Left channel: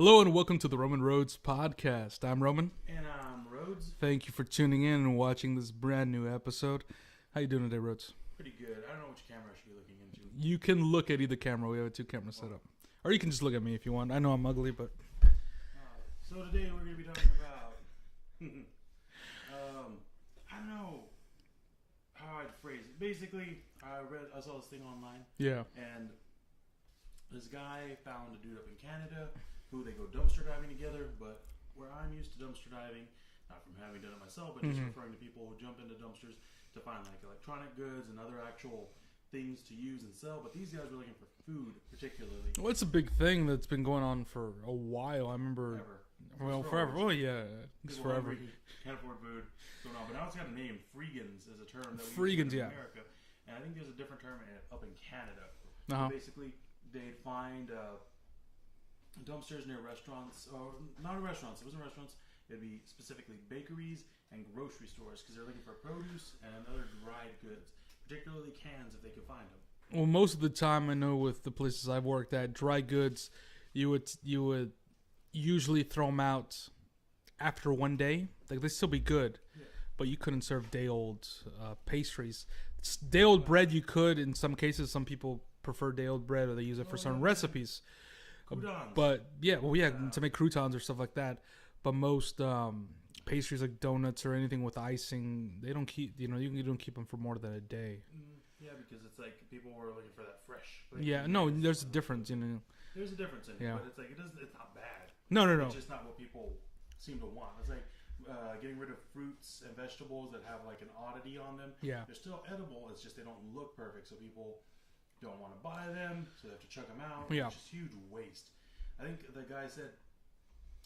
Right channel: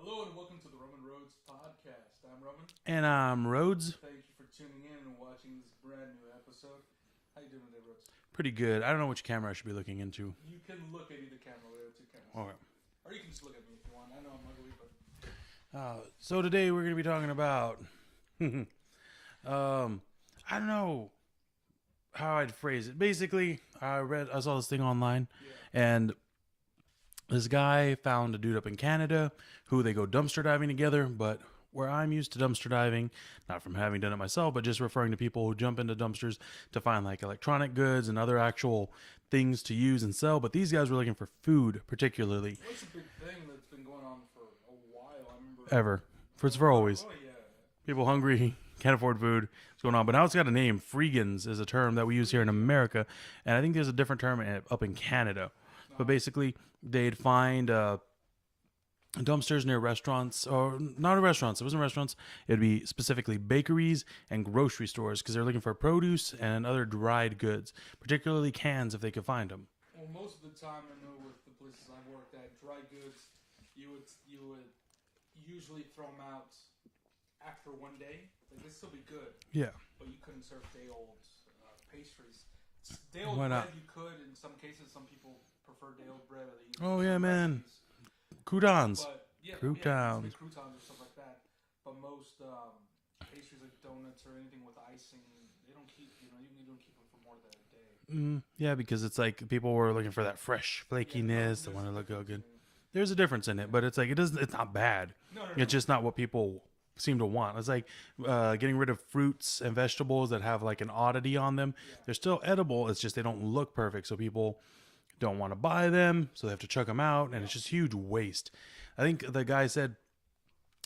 Hello and welcome to the Roman Rodez Podcast. I'm Roman. And I'm Rodez. Thank you for tuning in and watching this brand new episode. How you doing today, Rodez? Pretty good. I don't know which camera I should be looking into. You can look at either camera. We have two cameras set up. Or you can just look at me if you want. I know I'm ugly, but... So today we're going to be talking about... I don't know how I'd phrase it. Basically, I saw this thing online. Yeah. And this guy found a dude up in Canada who they go dumpster diving together, but where I'm used to dumpster diving, not from having done it myself, but just referring to people who jump into dumpsters to find like electronic goods and other actual things to use and sell. But these guys were looking for food particularly. Well, it's a big thing that's been going on for a while. I remember... It's for always. Oh, yeah. People hungry, can't afford food. What's going on? But now it's got a name. Freegans is a term that we use here in America. And I think there's a different term up in Canada. But basically, they'd find dumpsters near restaurants, or not restaurants. It wasn't restaurants. It'd be specifically bakeries and grocery stores because they're looking for produce and other dried goods, particularly cans if they could find them. Well, most of the time, I know with the places I've worked at, dry goods, you would usually throw them out after one day. Like, they'd still be good. Yeah. But you couldn't serve day-old pastries. Day-old bread you could. In some cases, some people prefer day-old bread or they use it for some recipes. Croutons. But, to make croutons or stuff like that. But most pastries like donuts or anything with icing, they don't keep, you don't keep them for more than a day. Yeah, because it's like people were looking for that fresh flakiness. Yeah, no, there's a difference in it. There's a difference in it, but it's like it's not bad. No. It's just not what people seem to want. It's like getting rid of fruits and vegetables that have like an oddity on them. Yeah. They're still edible. It's just they don't look perfect, so people don't want to buy them, so they have to chuck them out, and it's just huge waste. I think the guy said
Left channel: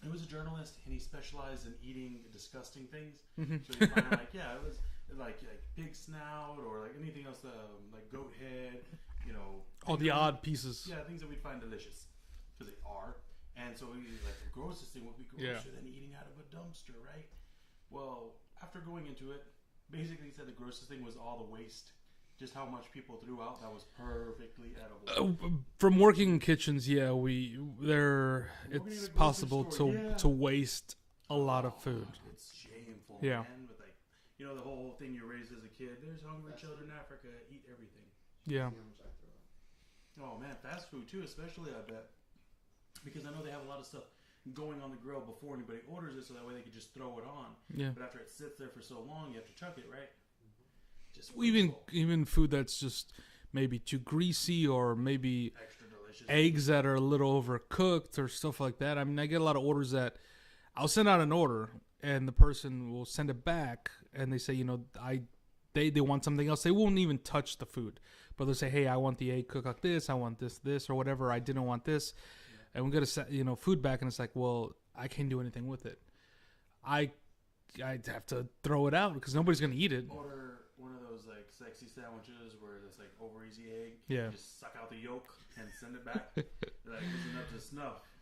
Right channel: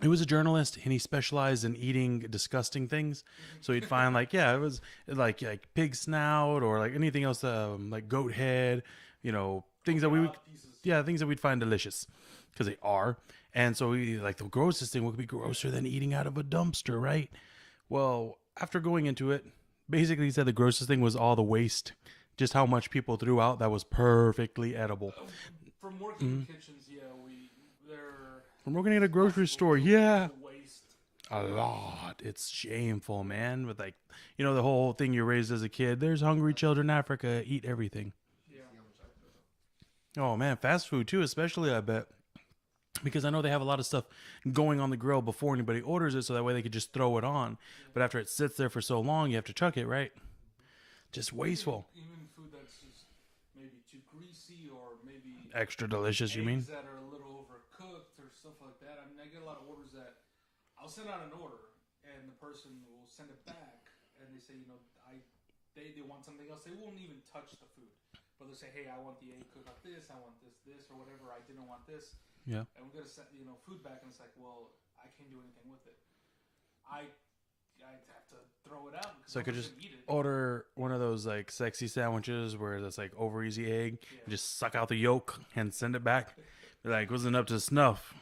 he was a journalist and he specialized in eating disgusting things. So he'd find like it was like pig snout or like anything else, like goat head, things that odd pieces. Yeah, things that we'd find delicious because they are. And so he like the grossest thing would be grosser than eating out of a dumpster, right? Well, after going into it, basically he said the grossest thing was all the waste. Just how much people threw out that was perfectly edible. From working in kitchens, from working at a grocery store, to waste a lot of food. It's shameful, man. With like, the whole thing you raised as a kid. There's hungry children in Africa. Eat everything. Yeah. Oh man, fast food too, especially I bet. Because I know they have a lot of stuff going on the grill before anybody orders it, so that way they could just throw it on. Yeah. But after it sits there for so long, you have to chuck it, right? Just wasteful. Even food that's just maybe too greasy or maybe extra delicious. Eggs that are a little overcooked or stuff like that. I mean, I get a lot of orders that I'll send out an order and the person will send it back and they say, they want something else. They won't even touch the food, but they'll say, "Hey, I want the egg cooked like this. I want this, or whatever. I didn't want this." Yeah. And we got to food back, and it's like, well, I can't do anything with it. I'd have to throw it out because nobody's going to eat it. Order one of those like sexy sandwiches where it's like over easy egg. Yeah. Just suck out the yolk and send it back. Like, wasn't up to snuff.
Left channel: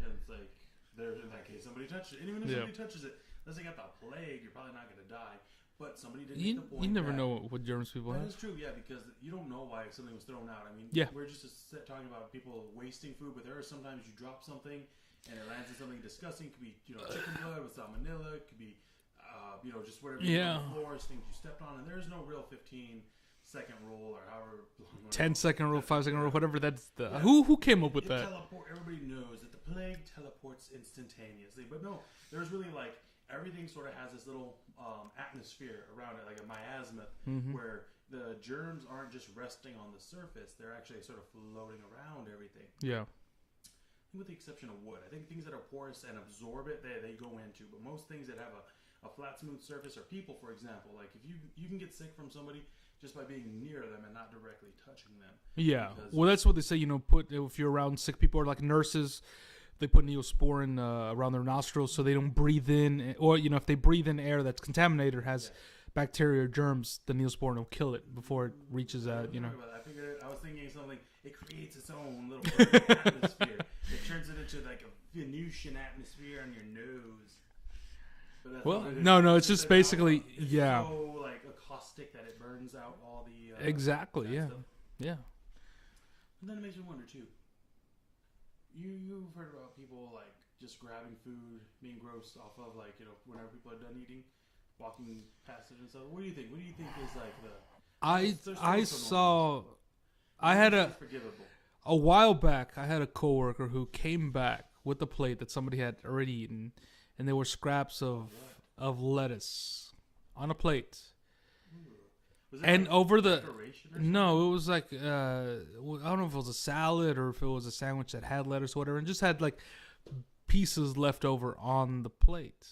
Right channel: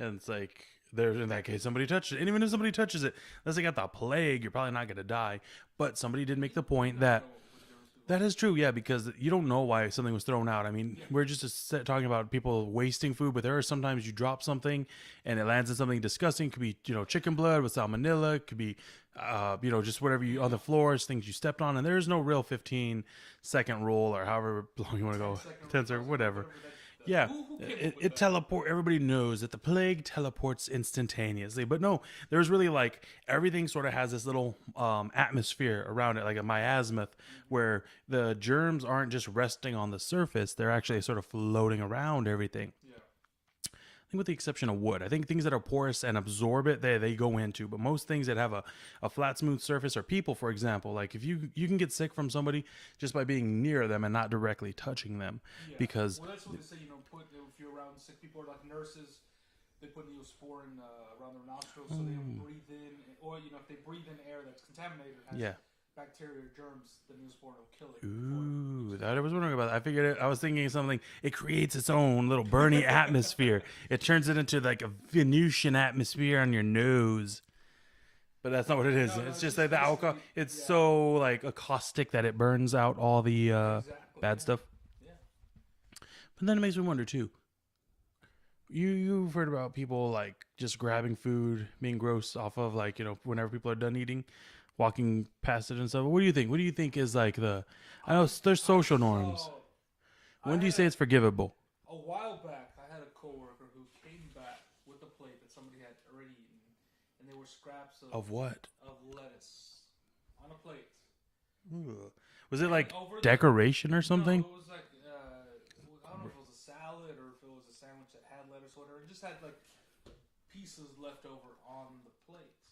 And it's like, in that case, somebody touched it. And even if somebody touches it, unless they got the plague, you're probably not going to die. But somebody did make the point you never know what germs people that is true, yeah, because you don't know why something was thrown out. I mean, we're just talking about people wasting food, but there are sometimes you drop something and it lands in something disgusting. It could be, chicken blood with salmonella. It could be, just whatever on the floors, things you stepped on. And there is no real 15-second rule or however long you want to go. 10-second rule, 5-second rule, whatever. That's who came up with that? Everybody knows that the plague teleports instantaneously. But no, there's really like everything sort of has this little atmosphere around it, like a miasma, where the germs aren't just resting on the surface. They're actually sort of floating around everything. Yeah. I think with the exception of wood. I think things that are porous and absorb it, they go into. But most things that have a flat, smooth surface, or people, for example, like if you can get sick from somebody just by being near them and not directly touching them. Yeah. Because that's what they say, if you're around sick people or like nurses, they put neosporin around their nostrils so they don't breathe in. Or, if they breathe in air that's contaminated or has bacteria or germs, the neosporin will kill it before it reaches out. I was wondering about that. I figured I was thinking of something. It creates its own little burny atmosphere. It turns it into like a Venusian atmosphere on your nose. But that's not what it is. No, it's just basically... It's so like a caustic that it burns out all the bad stuff. Yeah. But then it makes me wonder too. you've heard about people like just grabbing food, being gross off of like, you know, whenever people are done eating, walking past it and stuff. What do you think? What do you think is like there's social norms. When do you say it's forgivable? A while back, I had a coworker who came back with a plate that somebody had already eaten, and there were scraps of what? Of lettuce on a plate. Ooh. Was it and like over decoration or something? No, it was like I don't know if it was a salad or if it was a sandwich that had lettuce or whatever, and just had like pieces left over on the plate.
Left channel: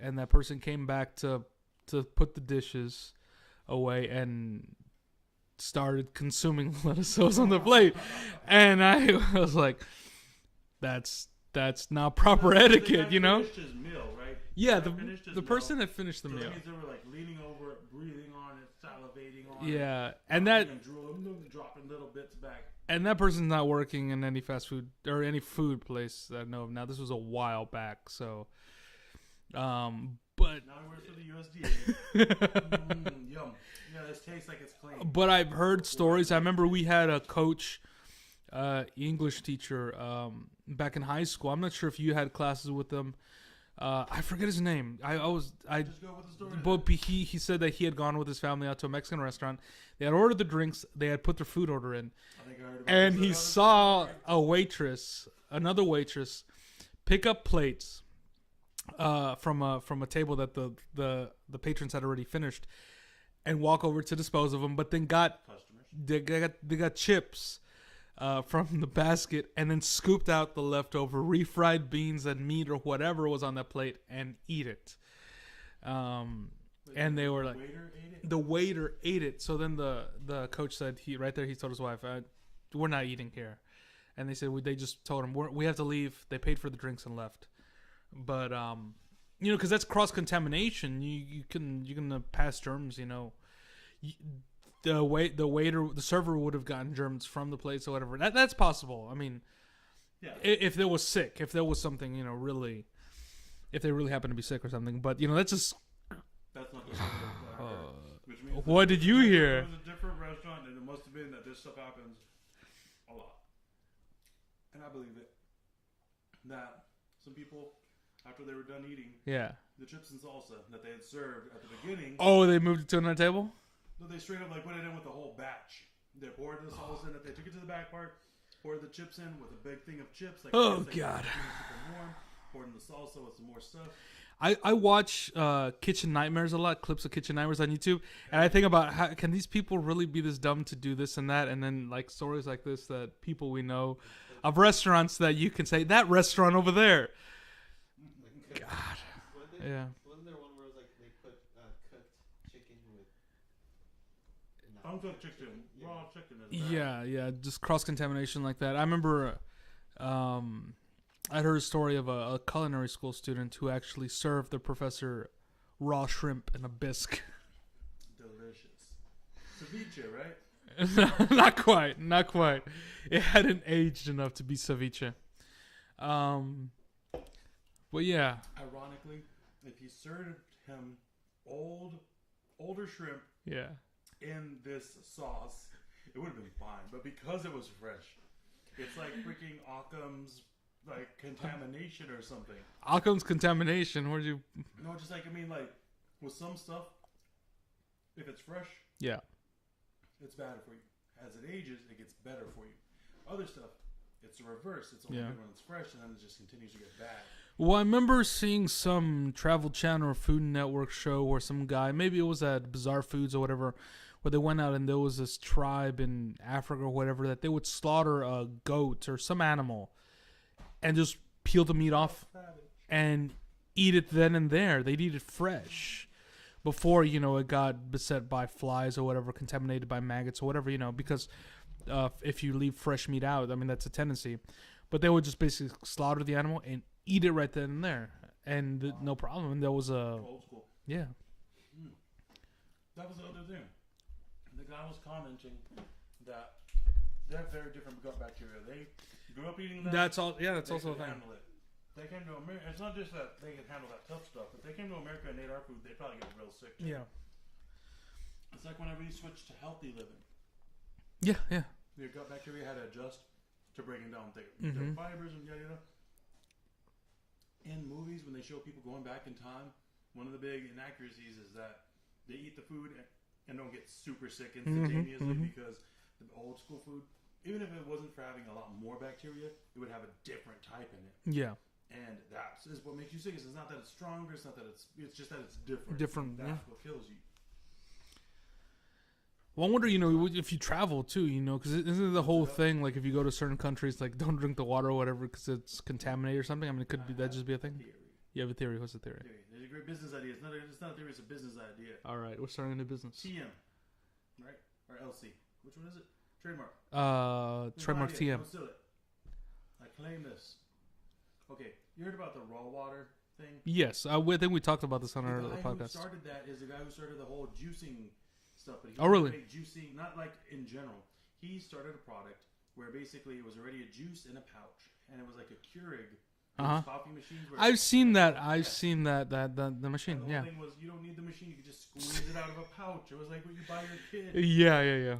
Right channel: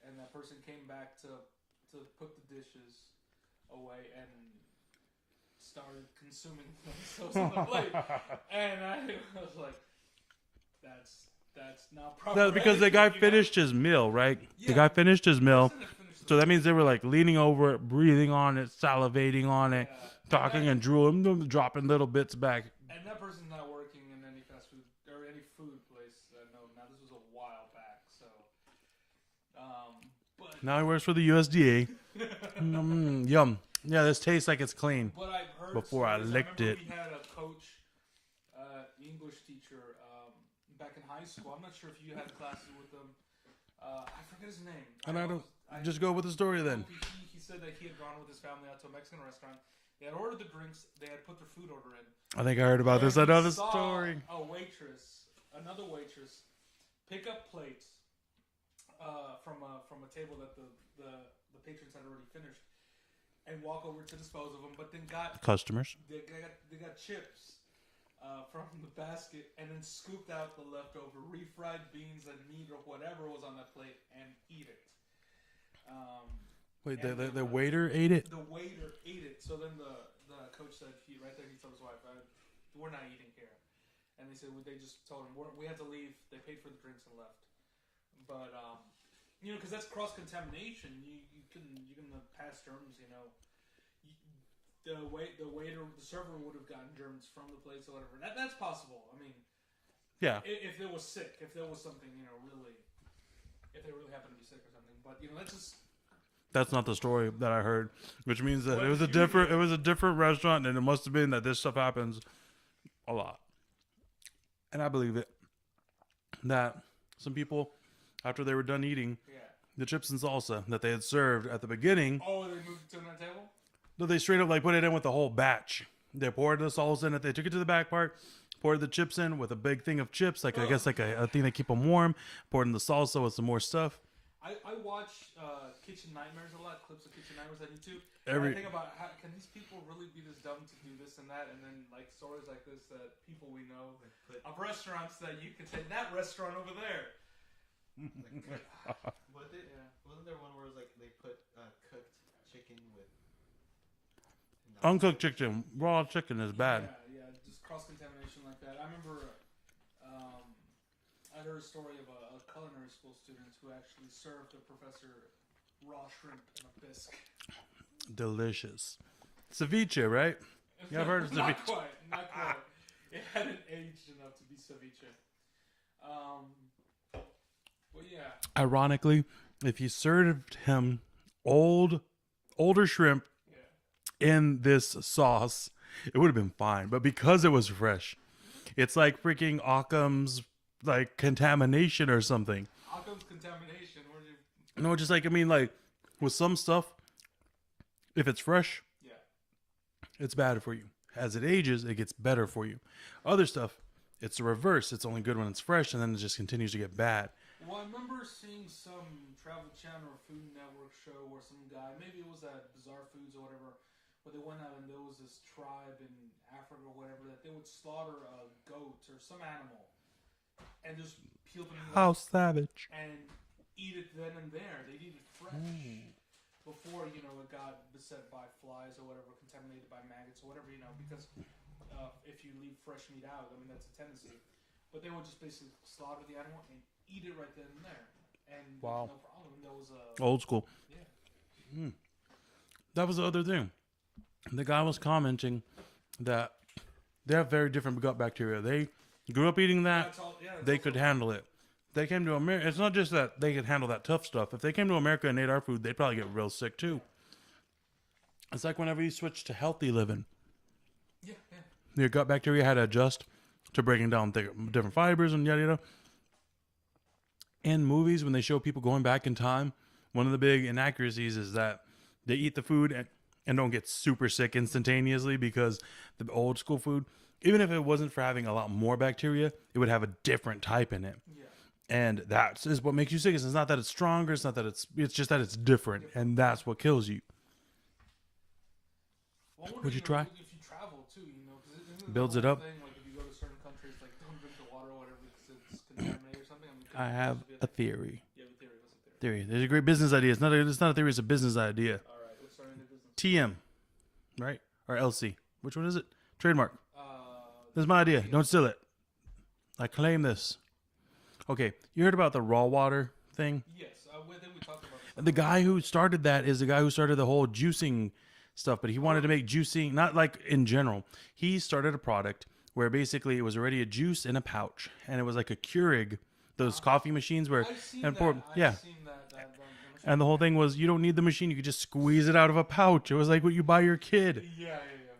And that person came back to put the dishes away and started consuming lettuce that was on the plate. And I was like, that's not proper etiquette. The guy finished his meal, right? Yeah, the guy finished his meal. Finished so that means they were like leaning over it, breathing on it, salivating on it, talking and drooling, dropping little bits back. And that person's not working in any fast food or any food place that I know of now. This was a while back, so. But now he works for the USDA. Yum. Yeah, this tastes like it's clean. But I've heard stories. I remember we had a coach, English teacher, back in high school. I'm not sure if you had classes with them. I forget his name. I just go with the story. But he said that he had gone with his family out to a Mexican restaurant. They had ordered the drinks. They had put their food order in. I think I heard about this. And he saw another waitress, pick up plates from a table that the patrons had already finished, and walk over to dispose of them. But then got customers. They got chips from the basket, and then scooped out the leftover refried beans and meat or whatever was on that plate and eat it. Wait, and the waiter ate it? The waiter ate it. So then the coach said, he told his wife, we're not eating here. And they said, they just told him, we have to leave. They paid for the drinks and left. But, because that's cross-contamination. You can pass germs, The waiter, the server would have gotten germs from the plates or whatever. That's possible. I mean, yeah. If they was sick, if there was something, really, if they really happened to be sick or something. But, that's just... That's not the story that I heard, which means that what did you hear? It was a different restaurant, and it must have been that this stuff happens a lot. And I believe it. That some people, after they were done eating the chips and salsa that they had served at the beginning... Oh, they moved it to another table? No, they straight up put it in with the whole batch. They poured the salsa in it. They took it to the back part, poured the chips in with a big thing of chips, a thing that keep them warm, poured in the salsa with some more stuff. I watch Kitchen Nightmares a lot, clips of Kitchen Nightmares on YouTube, and I think about how can these people really be this dumb to do this and that, and then stories like this that people we know of restaurants that you can say, that restaurant over there. God. Wasn't there one where it was they put cooked chicken with... Uncooked chicken, raw chicken is bad. Yeah, just cross-contamination like that. I remember... I heard a story of a culinary school student who actually served the professor raw shrimp in a bisque. Delicious. Ceviche, right? Not quite. It hadn't aged enough to be ceviche. But yeah. Ironically, if you served him older shrimp in this sauce, it would have been fine. But because it was fresh, it's like freaking Occam's contamination or something. Occam's contamination. Where'd you? No, just with some stuff, if it's fresh, it's bad for you. As it ages, it gets better for you. Other stuff, it's the reverse. It's only good when it's fresh, and then it just continues to get bad. Well, I remember seeing some Travel Channel or Food Network show where some guy, maybe it was at Bizarre Foods or whatever, where they went out and there was this tribe in Africa or whatever that they would slaughter a goat or some animal and just peel the meat off savage. And eat it then and there. They'd eat it fresh before, it got beset by flies or whatever, contaminated by maggots or whatever, because if you leave fresh meat out, I mean, that's a tendency. But they would just basically slaughter the animal and eat it right then and there. And no problem. And that was old school. Yeah. That was the other thing. The guy was commenting that they have very different gut bacteria. They grew up eating that. That's all. Yeah, they could handle it. They came to America. It's not just that they could handle that tough stuff. If they came to America and ate our food, they'd probably get real sick too. Yeah. It's like whenever you switch to healthy living. Yeah. Your gut bacteria had to adjust to breaking down different fibers and yada yada. In movies, when they show people going back in time, one of the big inaccuracies is that they eat the food and don't get super sick instantaneously because the old school food, even if it wasn't for having a lot more bacteria, it would have a different type in it. Yeah. And that is what makes you sick. It's not that it's stronger. It's not that it's just that it's different. And that's what kills you. Well, I wonder, if you travel too, because isn't the whole thing, like if you go to certain countries, like don't drink the water or whatever because it's contaminated or something? I mean, it could just be a thing. Theory. You have a theory. What's the theory? There's a great business idea. It's not a theory. It's a business idea. All right. We're starting a new business. TM. Right? Or LC. Which one is it? Trademark. This is my trademark idea. TM. Don't steal it. I claim this. Okay. You heard about the raw water thing? Yes. I think we talked about this on the guy who started that is the guy who started the whole juicing stuff, but he wanted to make juicing, not like in general. He started a product where basically it was already a juice in a pouch, and it was like a Keurig, those coffee machines where I've seen that. I've seen that the machine. And the whole thing was you don't need the machine; you could just squeeze it out of a pouch. It was like what you buy your kid. Yeah.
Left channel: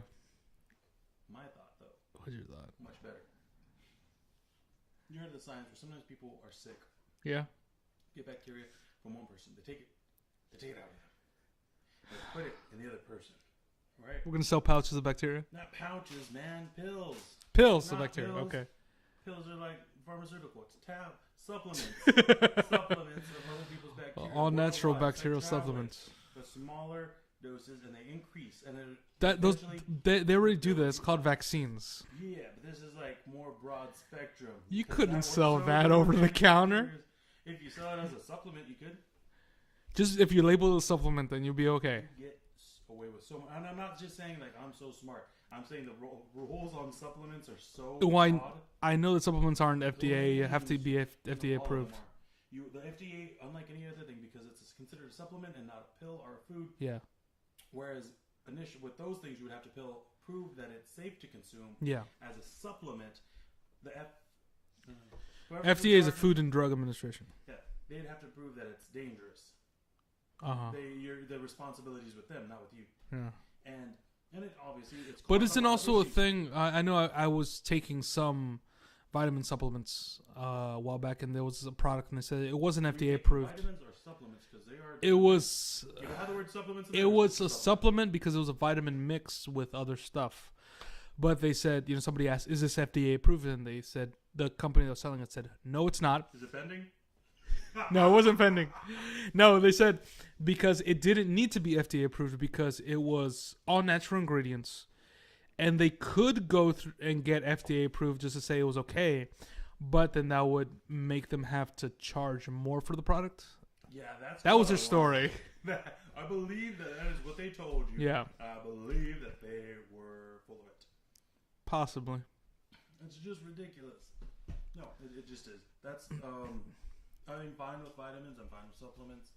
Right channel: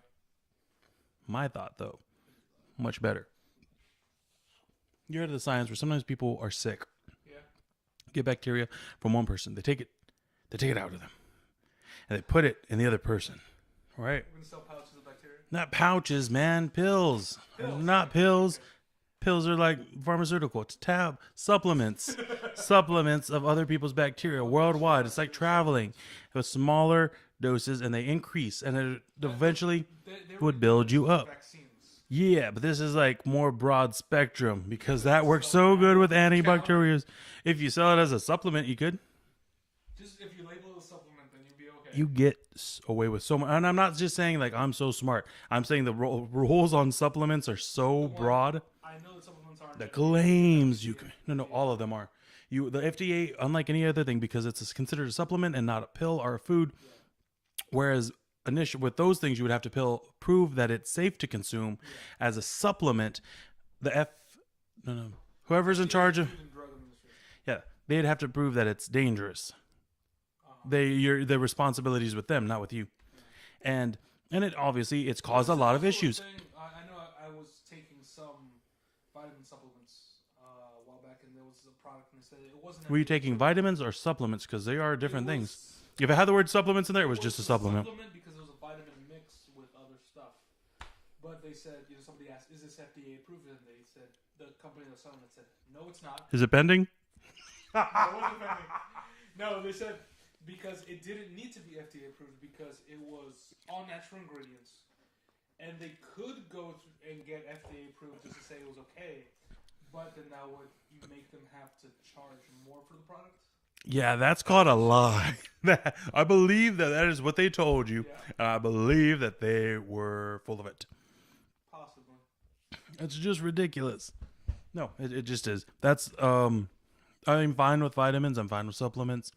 My thought, though, what's your thought? Much better. You heard of the science where sometimes people are sick. Yeah. Get bacteria from one person. They take it out of them. And they put it in the other person. Right? We're going to sell pouches of bacteria? Not pouches, man. Pills. Pills. Not pills. Okay. Pills are like pharmaceutical. It's supplements. Supplements of other people's bacteria worldwide. It's like traveling. With smaller doses, and they increase. And it eventually they would build you up. Vaccines. Yeah, but this is like more broad spectrum because that works so good with antibacterials. If you sell it as a supplement, you could. Just if you label it a supplement, then you'll be okay. You get away with so much. And I'm not just saying like I'm so smart. I'm saying the rules on supplements are so broad. I know that supplements aren't FDA. All of them are. The FDA, unlike any other thing, because it's considered a supplement and not a pill or a food. Yeah. Whereas with those things, you would have to prove that it's safe to consume. Yeah. As a supplement, whoever's FDA in charge of Food and Drug Administration. Yeah, they'd have to prove that it's dangerous. The responsibility is with them, not with you. Yeah. And it obviously it's caused a lot of issues. I know I was taking some vitamin supplements a while back, and there was a product, and they said it wasn't FDA approved. Were you taking vitamins or supplements? Because they are different things. If it had the word supplements in there, it was just a supplement because it was a vitamin mix with other stuff. But they said, somebody asked, "Is this FDA approved?" And they said the company that was selling it said, "No, it's not." Is it pending? No, it wasn't pending. No, they said because it didn't need to be FDA approved because it was all natural ingredients, and they could go through and get FDA approved just to say it was okay, but then that would make them have to charge more for the product. Yeah, that's called a lie. I believe that is what they told you. Yeah. And I believe that they were full of it. Possibly. It's just ridiculous. No, it just is. That's I'm fine with vitamins. I'm fine with supplements.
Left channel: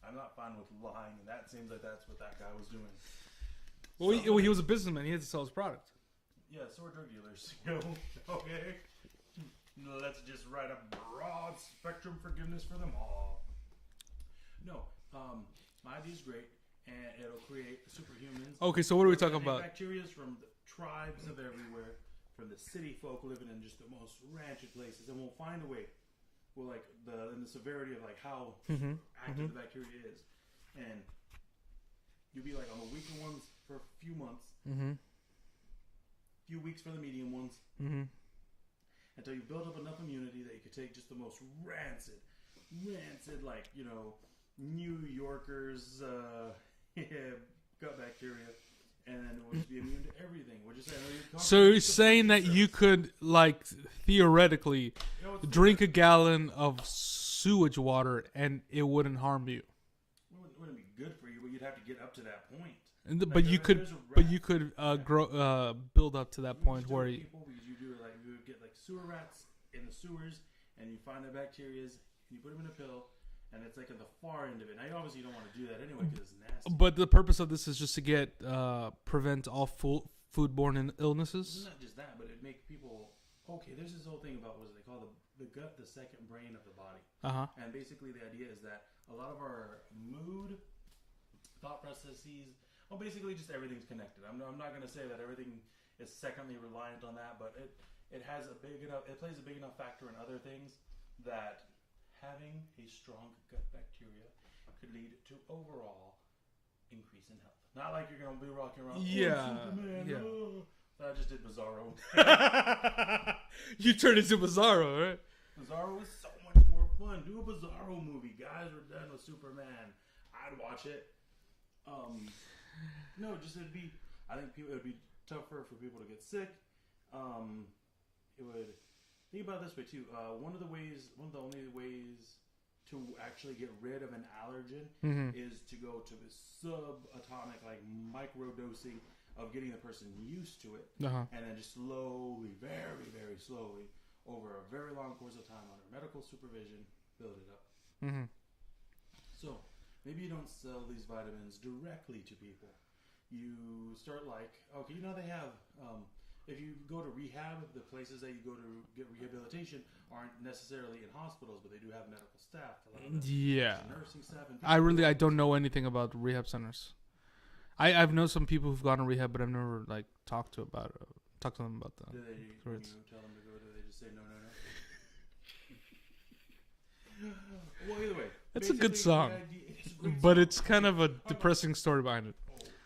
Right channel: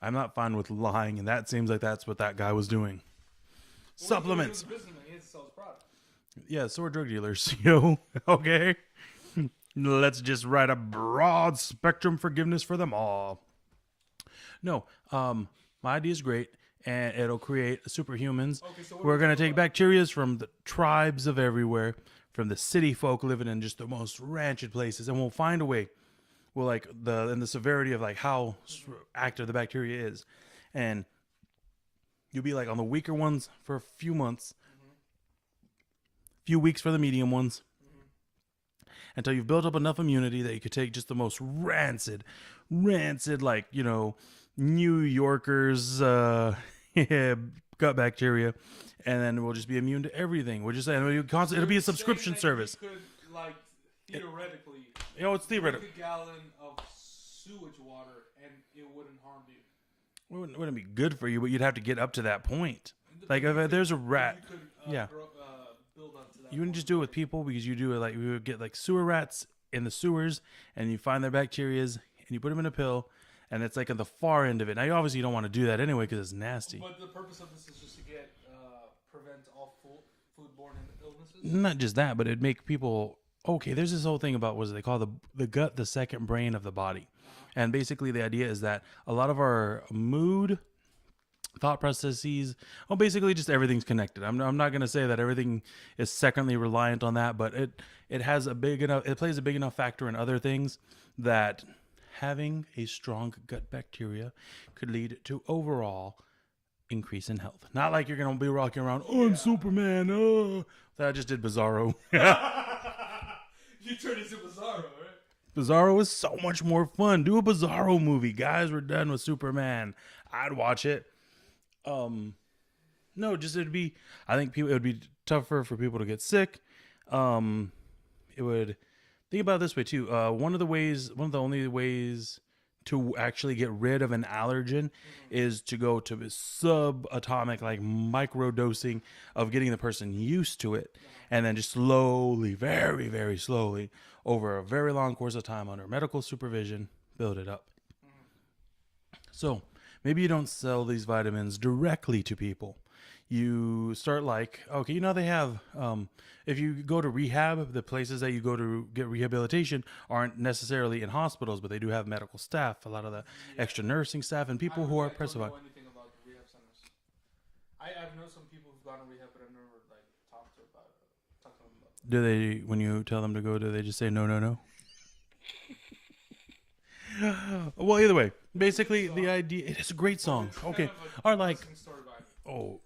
I'm not fine with lying, and that seems like that's what that guy was doing. Well, he was a businessman. He had to sell his product. Yeah, so are drug dealers. Okay? Let's just write a broad spectrum forgiveness for them all. No, my idea is great, and it'll create superhumans. Okay, so what we're going to take bacteria from the tribes of everywhere, from the city folk living in just the most rancid places, and we'll find a way. Well, like the severity of like how active the bacteria is, and you'll be like on the weaker ones for a few months, few weeks for the medium ones, until you've built up enough immunity that you could take just the most rancid, like New Yorkers gut bacteria, and then we'll just be immune to everything. We're just saying we'll constantly be a subscription saying that service. You could theoretically drink a gallon of sewage water and it wouldn't harm you. It wouldn't be good for you, but you'd have to get up to that point. But there's a rat. But you could build up to that point. You wouldn't just do it with people because you do it like we would get like sewer rats in the sewers, and you find their bacterias and you put them in a pill, and it's like at the far end of it. Now, you obviously don't want to do that anyway because it's nasty. But the purpose of this is just to prevent all foodborne illnesses. Not just that, but it'd make people. Okay, there's this whole thing about what they call the gut, the second brain of the body. And basically the idea is that a lot of our mood, thought processes. Well, basically just everything's connected. I'm not going to say that everything is secondly reliant on that, but it has a big enough, it plays a big enough factor in other things that having a strong gut bacteria could lead to overall increase in health. Not like you're going to be rocking around, oh, I'm Superman. Yeah. Oh, that I just did Bizarro. You turned into Bizarro, right? Bizarro is so much more fun. Do a Bizarro movie. Guys, we're done with Superman. I'd watch it. No, just I think it would be tougher for people to get sick. It would, think about it this way too. One of the only ways to actually get rid of an allergen is to go to subatomic, like micro dosing of getting the person used to it. And then just slowly, very, very slowly, over a very long course of time under medical supervision, build it up. So maybe you don't sell these vitamins directly to people. You start like, okay, they have, if you go to rehab, the places that you go to get rehabilitation aren't necessarily in hospitals, but they do have medical staff, a lot of the extra nursing staff, and people. I don't know anything about rehab centers. I've known some people who've gone to rehab, but I've never talked to them about that. Do they, when you tell them to go, do they just say no? Well, either way, That's basically the idea, it is a great but song, it's kind of a depressing story behind it. Oh,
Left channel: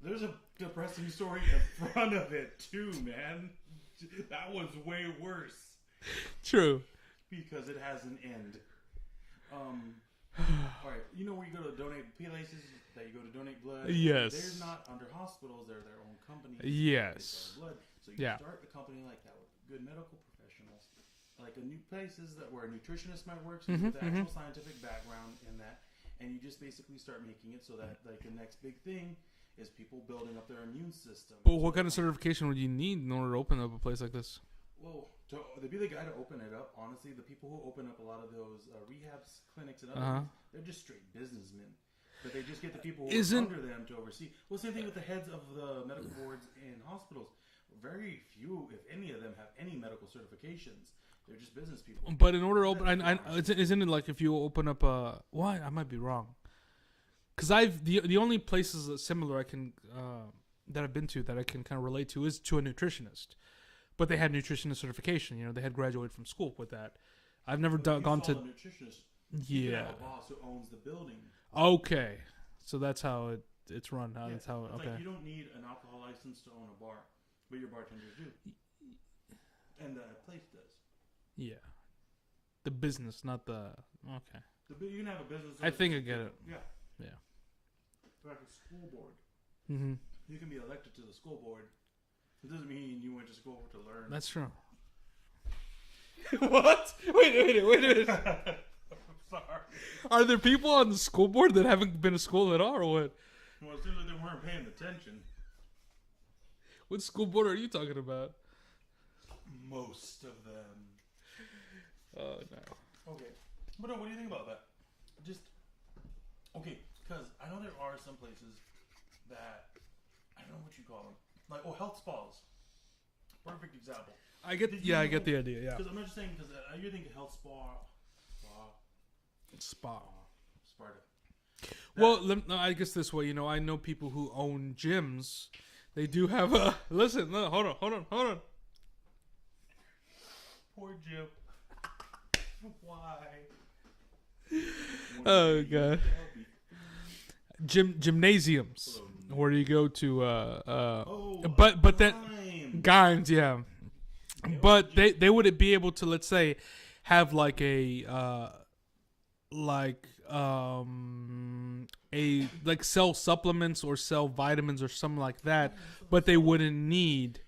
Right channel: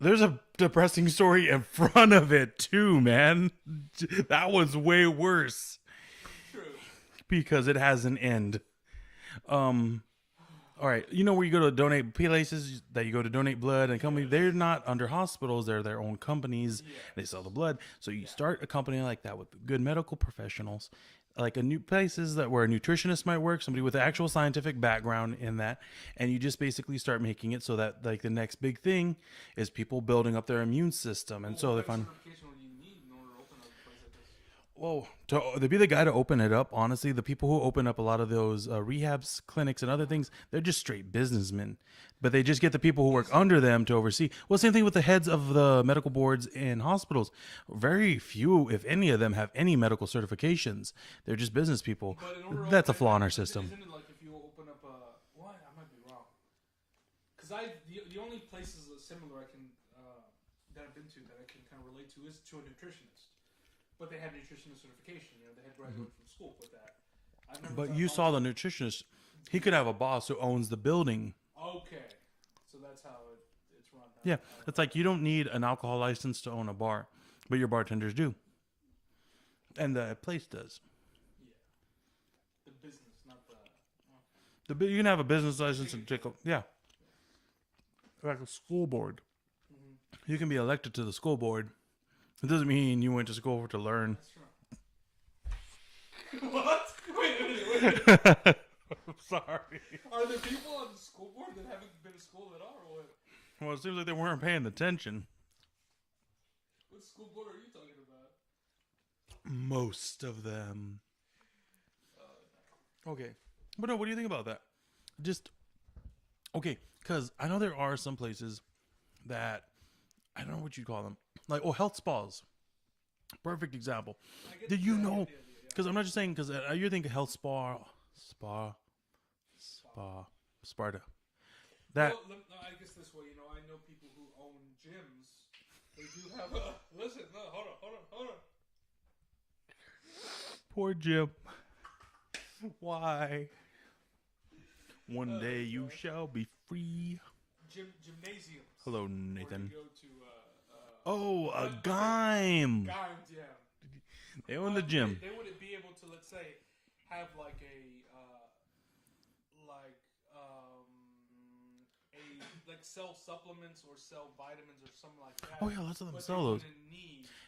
there's a depressing story in front of it too, man. That was way worse. True, because it has an end. All right, where you go to donate places that you go to donate blood and companies, they're not under hospitals, they're their own companies. They sell the blood, so you start a company like that with good medical professionals, like a new places where a nutritionist might work, somebody with actual scientific background in that, and you just basically start making it so that like the next big thing is people building up their immune system. And so what kind of certification would you need in order to open up a place like this? Well, to be the guy to open it up, honestly, the people who open up a lot of those rehabs, clinics, and other things, they're just straight businessmen. But they just get the people who work under them to oversee. Well, same thing with the heads of the medical boards in hospitals. Very few, if any of them, have any medical certifications. They're just business people. But in order to that's a flaw in our system. Isn't it like if you open up a... What? I might be wrong. Because the only places similar I can that I've been to that I can kind of relate to is to a nutritionist. But they had nutritionist certification. They had graduated from school with that. I've never done. You saw the nutritionist. He could have a boss who owns the building. Okay, so that's how it's run. It's like you don't need an alcohol license to own a bar, but your bartenders do, and the place does. Yeah, the business, not the okay. You can have a business license. I think yeah, like a school board. You can be elected to the school board. It doesn't mean you went to school to learn. That's true. What? Wait. I'm sorry. Are there people on the school board that haven't been to school at all, or what? Well, it seems like they weren't paying attention. What school board are you talking about? Most of them. Oh, no. Okay. But no, what do you think about that? Okay, because I know there are some places that, I don't know what you call them. Like, health spas. Perfect example. I get the idea, yeah. Because I'm not just saying, because you think health Sparta. I guess this way, I know people who own gyms. They do have a... Listen, no, hold on. Poor Jim. Why? One day you shall be free. Gymnasiums. Hello, Nathan. Where you go to Gyms, yeah. But they would be able to, let's say, have like a sell supplements or sell vitamins or something like that, but they wouldn't need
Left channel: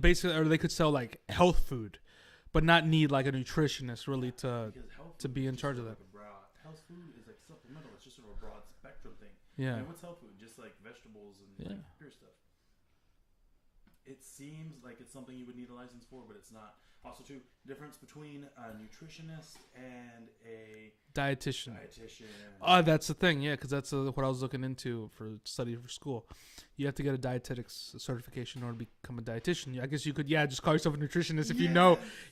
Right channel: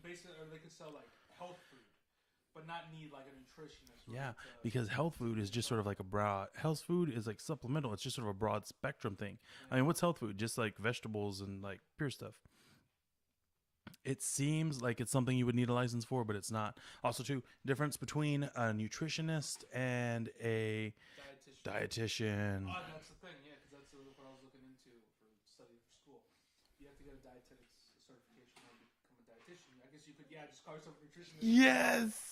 basically, or they could sell like health food, but not need like a nutritionist because health food is just sort of like a broad. Health food is like supplemental. It's just sort of a broad spectrum thing. Yeah. I mean, what's health food? Just like vegetables and like pure stuff. It seems like it's something you would need a license for, but it's not. Also, too, difference between a nutritionist and a dietitian. Oh, that's the thing, yeah, because that's what I was looking into for study for school. You have to get a dietetics certification in order to become a dietitian. I guess you could, just call yourself a nutritionist if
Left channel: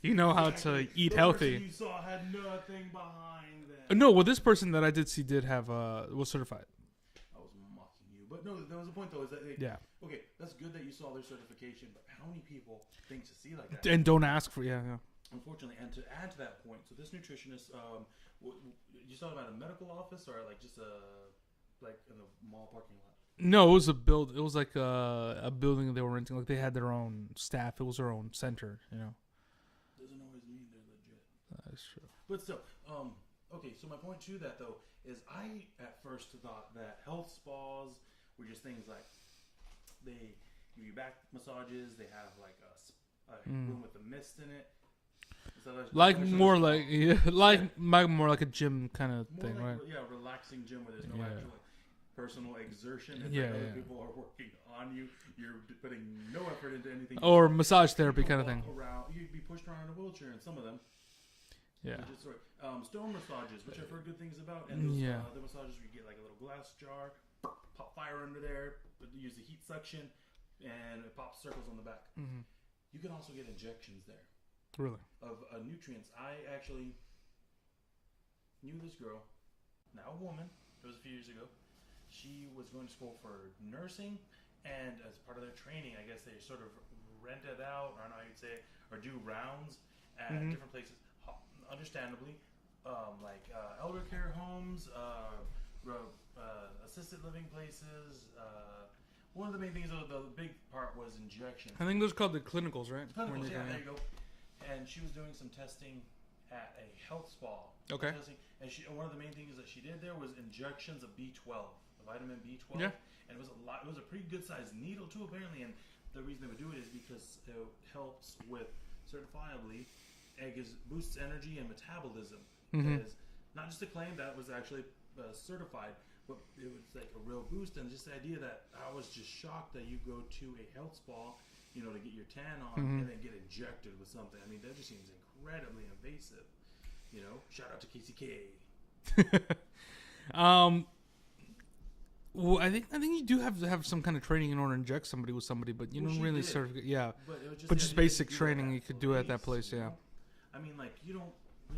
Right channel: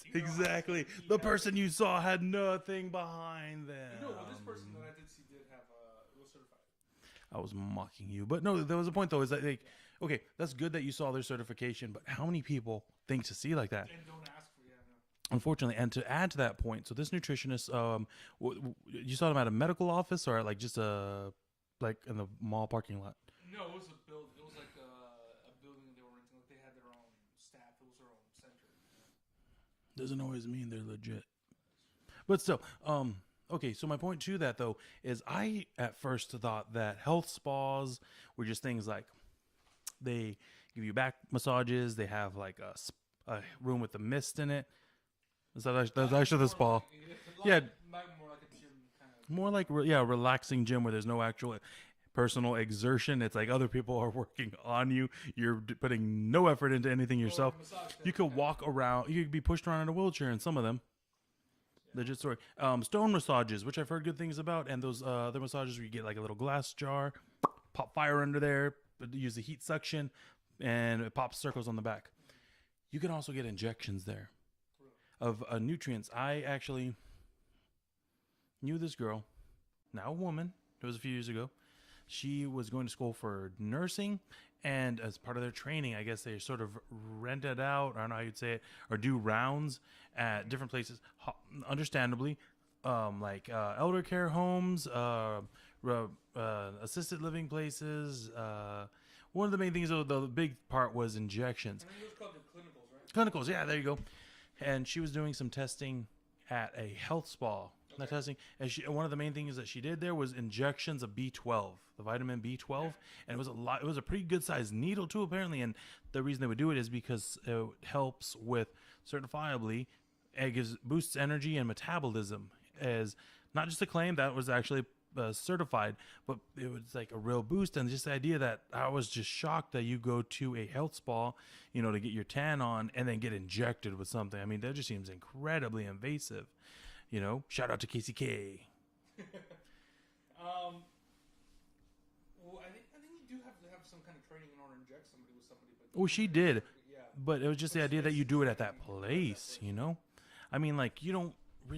you know how to eat healthy. The person you saw had nothing behind them. No, well, this person that I did see did have was certified. I was mocking you. But no, there was a point though. Is that okay? That's good that you saw their certification, but how many people think to see like that and don't ask for Unfortunately, and to add to that point, so this nutritionist, you saw them at a medical office or at like just like in the mall parking lot? No, it was a build. It was like a building they were renting. Like they had their own staff. It was their own center. Doesn't always mean they're legit. That's true. But still, okay. So my point to that though is I at first thought that health spas were just things like they give you back massages. They have like a room with a mist in it. So more like a gym kind of more thing, like right? relaxing gym where there's no actual personal exertion. It's like other people are working on you. You're putting no effort into anything yourself. Or massage therapy. You can walk around. You could be pushed around in a wheelchair in some of them. Yeah. Legit story. Stone massages, which I've heard good things about, and those other massages where you get like a little glass jar, pop fire under there, use the heat suction, and it pops circles on the back. Mm-hmm. You can also get injections there. Really? Of nutrients. I actually knew this girl, now a woman. It was a few years ago. She was going to school for nursing, and as part of their training, I guess they sort of rented out, I don't know how you'd say it, or do rounds at different places. Understandably, like elder care homes, assisted living places. One of the main things, though, the big part was injections. I think those are called the clinicals, right? Clinicals, yeah, there you go. And she was doing some testing at a health spa. Okay. Testing, and one of the main things that she did there was injections of B12, the vitamin B12, and it was a lot. It was a pretty good sized needle too, apparently. And the reason they would do it is because it helps with certifiably, it boosts energy and metabolism. As not just a claim that was actually certified, but it was like a real boost. And just the idea that I was just shocked that you go to a health spa, to get your tan on and then get injected with something. I mean, that just seems incredibly invasive. Shout out to KCK. Well, I think you do have to have some kind of training in order to inject somebody with somebody, but she really did. But it was just the idea that you do it at that you could do it at that place. I mean, like you don't. Do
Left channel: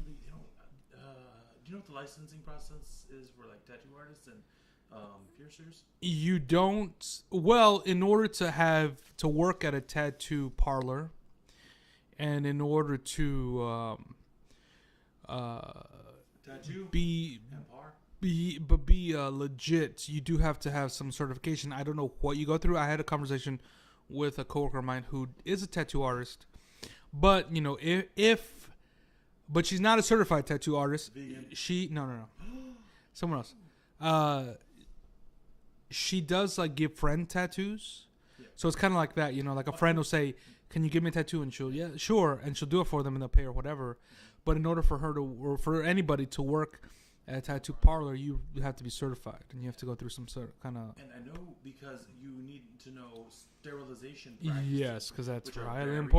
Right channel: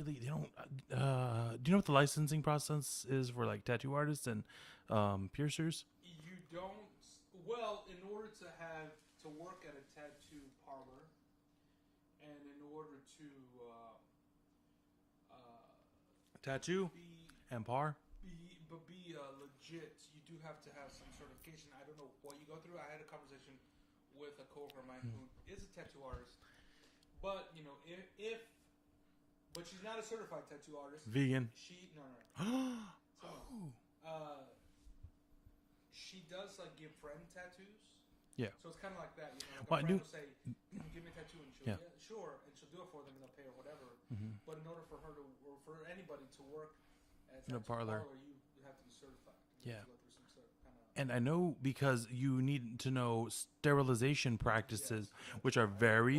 you know what the licensing process is for like tattoo artists and piercers? You don't. Well, in order to work at a tattoo parlor, and in order to tattoo be legit, you do have to have some certification. I don't know what you go through. I had a conversation with a coworker of mine who is a tattoo artist, but but she's not a certified tattoo artist. Vegan. No. Someone else. She does like give friend tattoos. Yeah. So it's kind of like that, like a friend will say, "Can you give me a tattoo?" And she'll, sure, and she'll do it for them and they'll pay or whatever. But in order for her to, or for anybody to work at a tattoo parlor, you have to be certified and you have to go through some sort of kind of. And I know because you need to know sterilization practices, which are very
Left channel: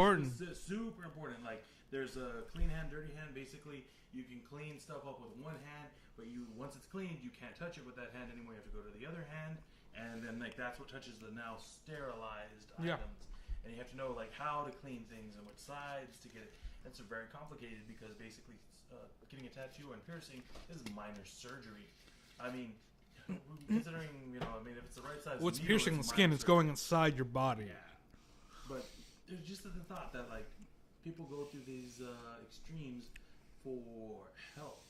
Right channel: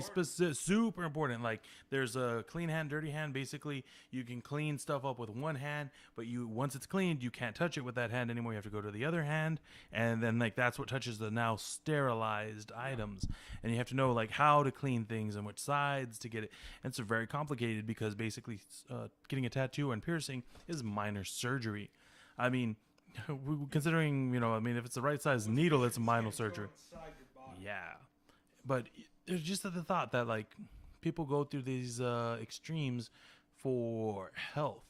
super important. Like there's a clean hand, dirty hand. Basically, you can clean stuff up with one hand, but once it's cleaned, you can't touch it with that hand anymore. You have to go to the other hand, and then like that's what touches the now sterilized items. And you have to know like how to clean things and which sides to get it. And it's very complicated because basically getting a tattoo and piercing is minor surgery. I mean, considering if it's the right size needle, it's minor surgery. It's going inside your body. Yeah, but it's just the thought that like people go through these extremes for health.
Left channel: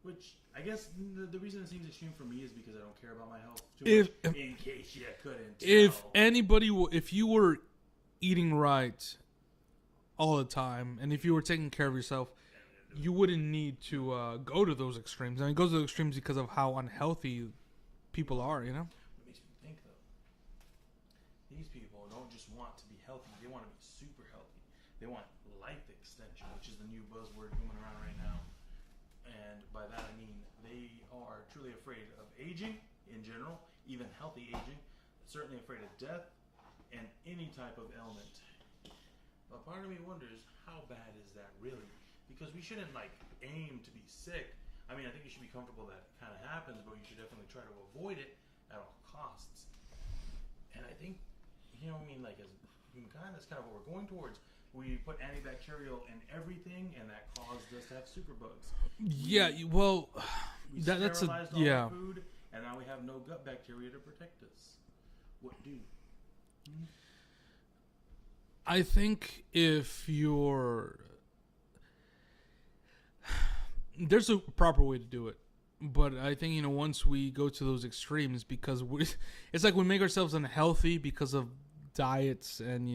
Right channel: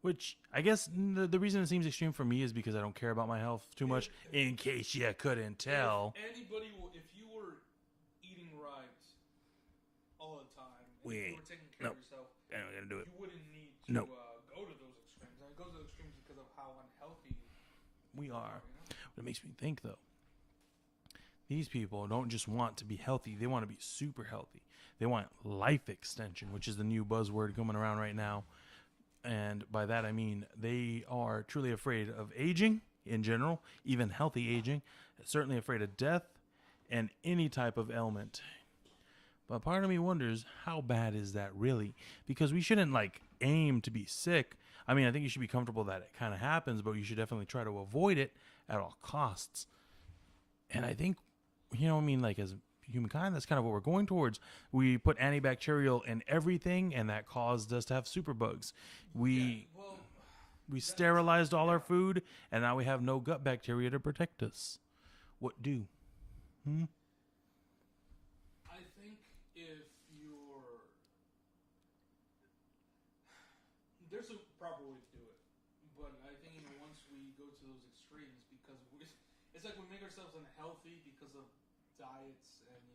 Which I guess the reason it seems extreme for me is because I don't care about my health too much. In case you couldn't tell, if you were eating right all the time, and if you were taking care of yourself, you wouldn't need to go to those extremes. I mean, it goes to those extremes because of how unhealthy people are. It makes me think though. These people don't just want to be healthy; they want to be super healthy. They want life extension, which is the new buzzword coming around right now. And by that I mean they are truly afraid of aging in general, even healthy aging. Certainly afraid of death and any type of ailment. But part of me wonders, how bad is that really? Because we shouldn't like aim to be sick. I mean, I think you should be comfortable that it kind of happens, but you should definitely try to avoid it at all costs. And I think, like as humankind, that's kind of what we're going towards. We put antibacterial in everything, and that caused us to have superbugs. We sterilized all our food, and now we have no gut bacteria to protect us. What do? I think if you're... There's a proper way to do it. But I think, once we go to those extremes, because it's like we make ourselves unhealthy because of diets and,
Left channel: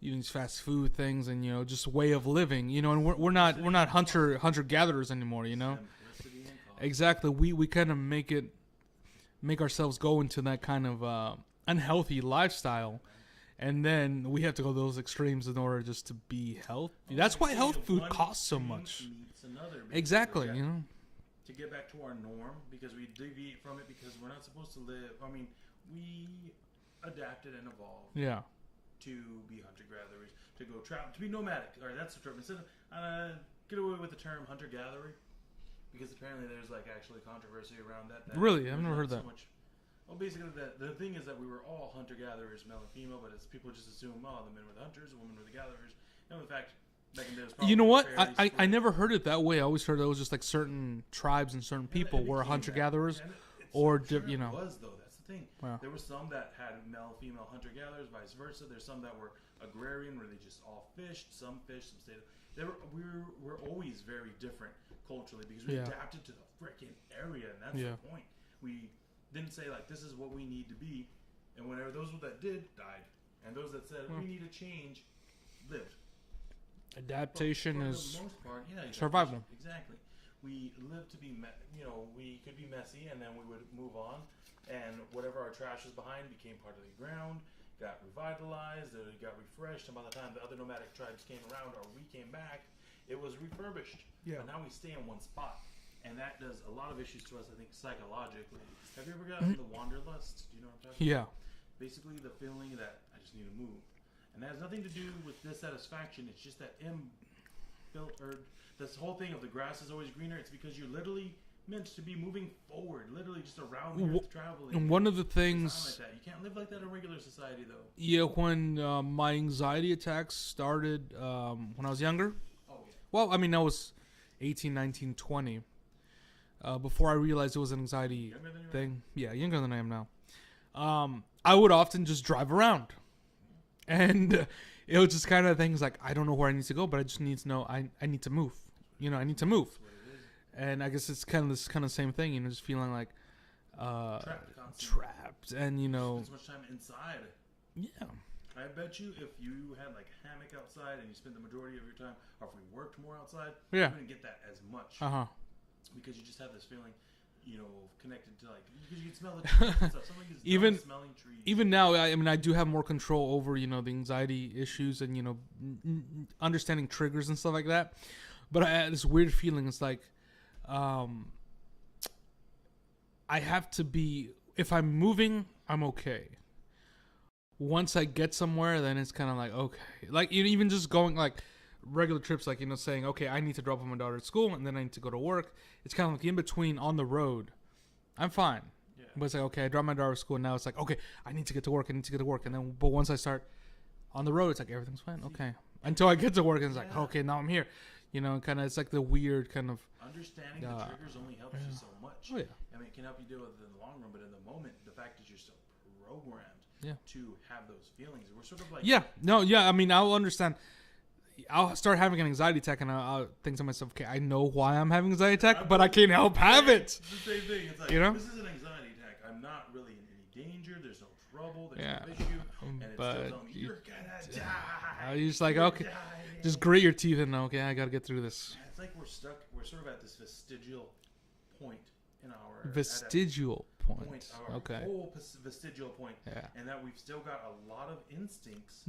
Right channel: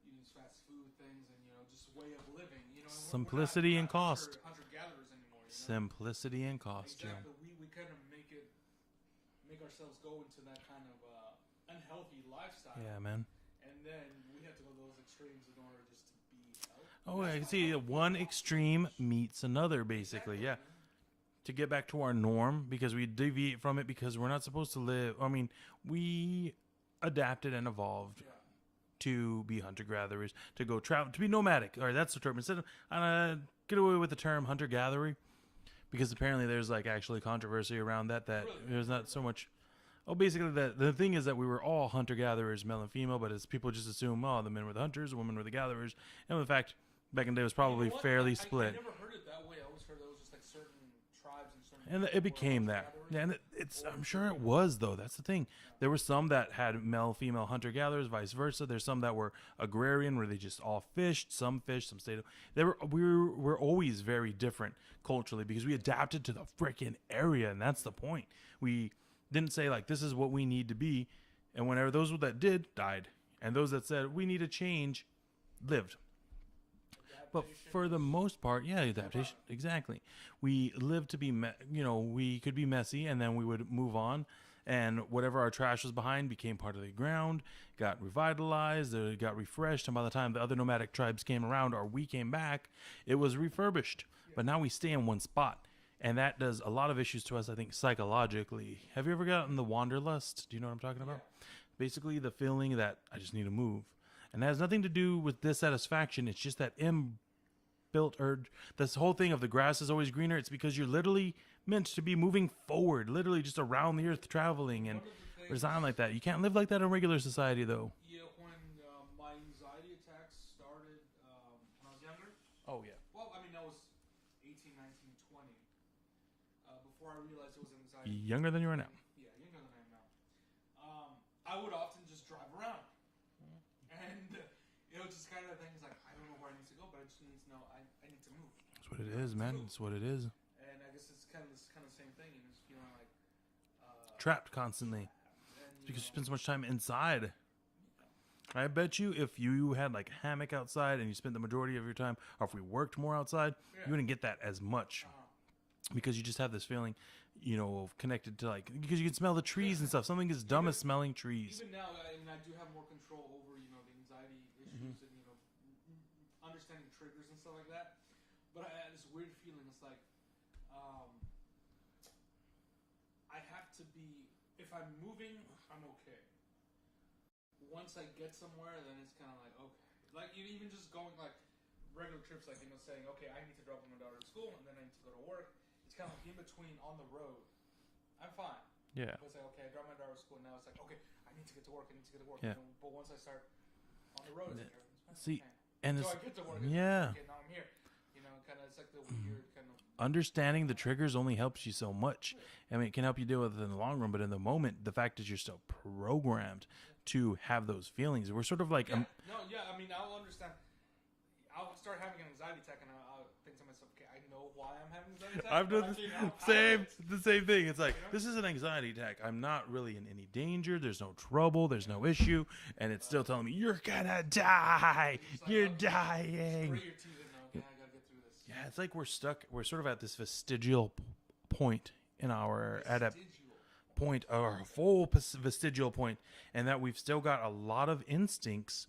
these fast food things and, just way of living, and we're not hunter-gatherers anymore, Simplicity and cost. Exactly. We kind of make ourselves go into that kind of unhealthy lifestyle. Yeah, man. And then we have to go those extremes in order just to be healthy. That's why health food one costs extreme so much. Meets another, basically. Exactly. Yeah. To get back to our norm, because we deviate from it, because we're not supposed to live. I mean, we adapted and evolved. Yeah. To be hunter-gatherers, to go travel, to be nomadic. All right, that's the term. Instead of get away with the term hunter-gatherer, because apparently there's actually controversy around that. Really, I've there's never not heard so that. much. Oh, basically, the thing is that we were all hunter-gatherers, male and female, but as people just assume, the men were the hunters, the women were the gatherers. And in fact, back in the day, it was probably fairly split. I never heard it that way. I always heard it was just certain tribes and certain people were hunter-gatherers. Yeah, it was, though. That's the thing. Wow. There were some that had male, female hunter-gatherers, vice versa. There's some that were agrarian, where they just all fished. Some stayed. We were always very different culturally, because we adapted to the freaking area, and that's the point. We didn't say this is what we need to be, and whenever those that did died, and those that said we need to change lived. Adaptation for the most part, survival. Exactly. We lived to be, we could be messy, and then we would move on, and whatever our trash was behind became part of the ground, got revitalized, it got refreshed, and by the time the other nomadic tribes came around, or we came back, it was refurbished. Yeah. But now we stay in one spot. And that does a lot of issues to us, I think, psychologically. Have you ever gotten the wanderlust? Do you know what I'm talking about? Yeah. Basically, the feeling that I just need to move. And it has nothing to do with dissatisfaction. It's just that inbuilt urge. This whole thing of the grass is always greener. It's because you're literally meant to be moving forward, literally just around the earth traveling. And one of the things... It's not like that. You can't live like that in regular society, though. Yeah, when my anxiety attacks started when I was younger. Oh, yeah. Well, I mean, I was 18, 19, 20. Before I realized it was an anxiety younger than you are now? Yeah, younger than I am now. I would often just drive around, and it was just kind of things like, I don't know where I need to go, but I just need to know I need to move. I need to move. That's what it is. And I guess it's kind of this same thing, just feeling like trapped constantly. And you spend so much time inside. Yeah. I bet you if you had a hammock outside and you spent the majority of your time, or if we worked more outside, you wouldn't get that as much. Because you just have this feeling, of connected to because you can smell the trees and stuff. Something is dumb as smelling trees. Even now, I do have more control over, the anxiety issues and, understanding triggers and stuff like that. But I had this weird feeling. It's like, I have to be, if I'm moving, I'm okay. Once I get somewhere, then it's kind of okay. Even just going regular trips, saying, okay, I need to drop off my daughter at school and then I need to go to work. It's kind of in between on the road. I'm fine. Yeah. But it's okay, I drop my daughter at school and now it's okay, I need to get to work. Yeah. And then, but once I start on the road, it's everything's fine. Okay. Until I get to work, and it's okay, now I'm here. Kind of, it's the weird kind of... Understanding the triggers only helps you so much. Oh, yeah. I mean, it can help you deal with it in the long run, but in the moment, the fact is you're still programmed to have those feelings. We're sort of I'll understand. I'll start having an anxiety attack, and I'll think to myself, okay, I know why I'm having an anxiety attack, but I can't help have it. It's the same thing. It's this is an anxiety attack. I'm not really in any danger. There's no trouble. There's no issue. And it's still telling me, you're going to die. You're just okay, dying. Just grit your teeth and okay, I got to get through this. Yeah, it's we're stuck. We're sort of at this vestigial point in our... Vestigial point. Our full vestigial point. Yeah. And that we've still got a lot of instincts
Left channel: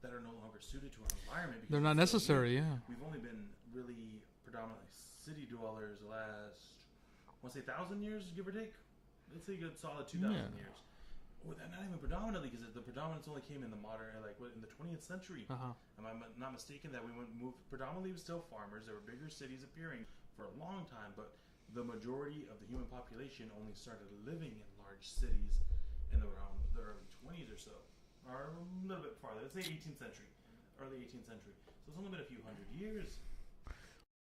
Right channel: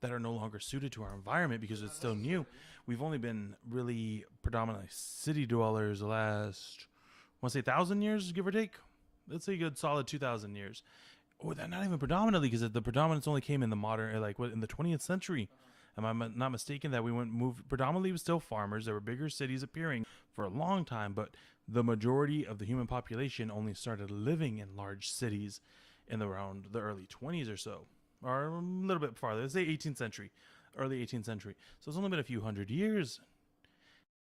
that are no longer suited to our environment because they're not necessary. New. Yeah, we've only been really predominantly city dwellers the last, I want to say 1,000 years, give or take. Let's say a good solid 2,000 years. Or not even predominantly, because the predominance only came in the modern, in the 20th century. Am I not mistaken that we moved predominantly? It was still farmers. There were bigger cities appearing for a long time, but the majority of the human population only started living in large cities in around the early 20s or so, or a little bit farther. Let's say 18th century, early 18th century. So it's only been a few hundred years.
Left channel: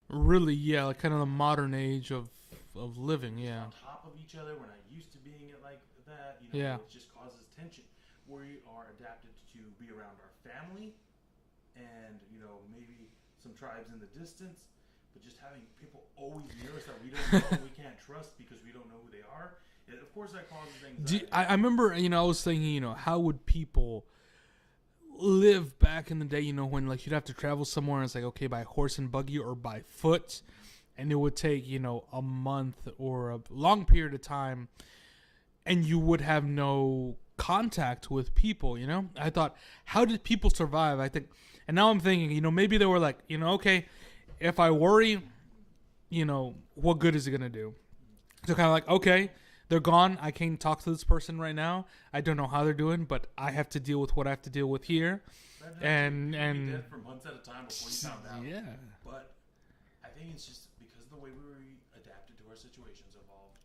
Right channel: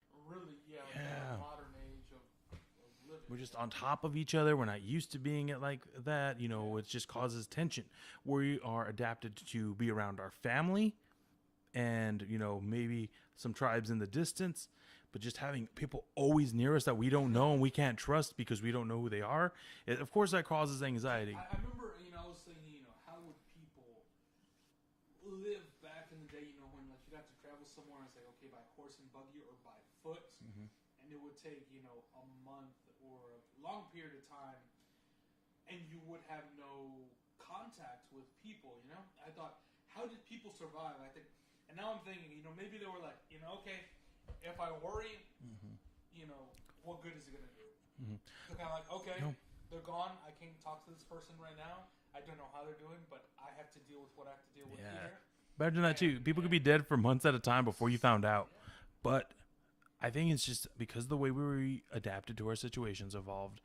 Really, kind of the modern age of of living. We're just on top of each other. We're not used to being it like that. It just causes tension. We are adapted to be around our family and, maybe some tribes in the distance. But just having people always near us that we don't know and we can't trust because we don't know who they are, of course that causes anxiety. I remember, I was thinking, how would people live back in the day, when like you'd have to travel somewhere and it's like, okay, by horse and buggy or by foot, mm-hmm. and it would take, a month or a long period of time and you would have no contact with people, I thought, how did people survive? I think, and now I'm thinking, maybe they were like, okay, if I worry, what good is it going to do? Mm-hmm. So kind of like, okay, they're gone. I can't talk to this person right now. I don't know how they're doing, but I have to deal with what I have to deal with here. Imagine that too. People would be dead for months at a time before you found out. Yeah. But I think it's just because the way we were adapted to our situations evolved.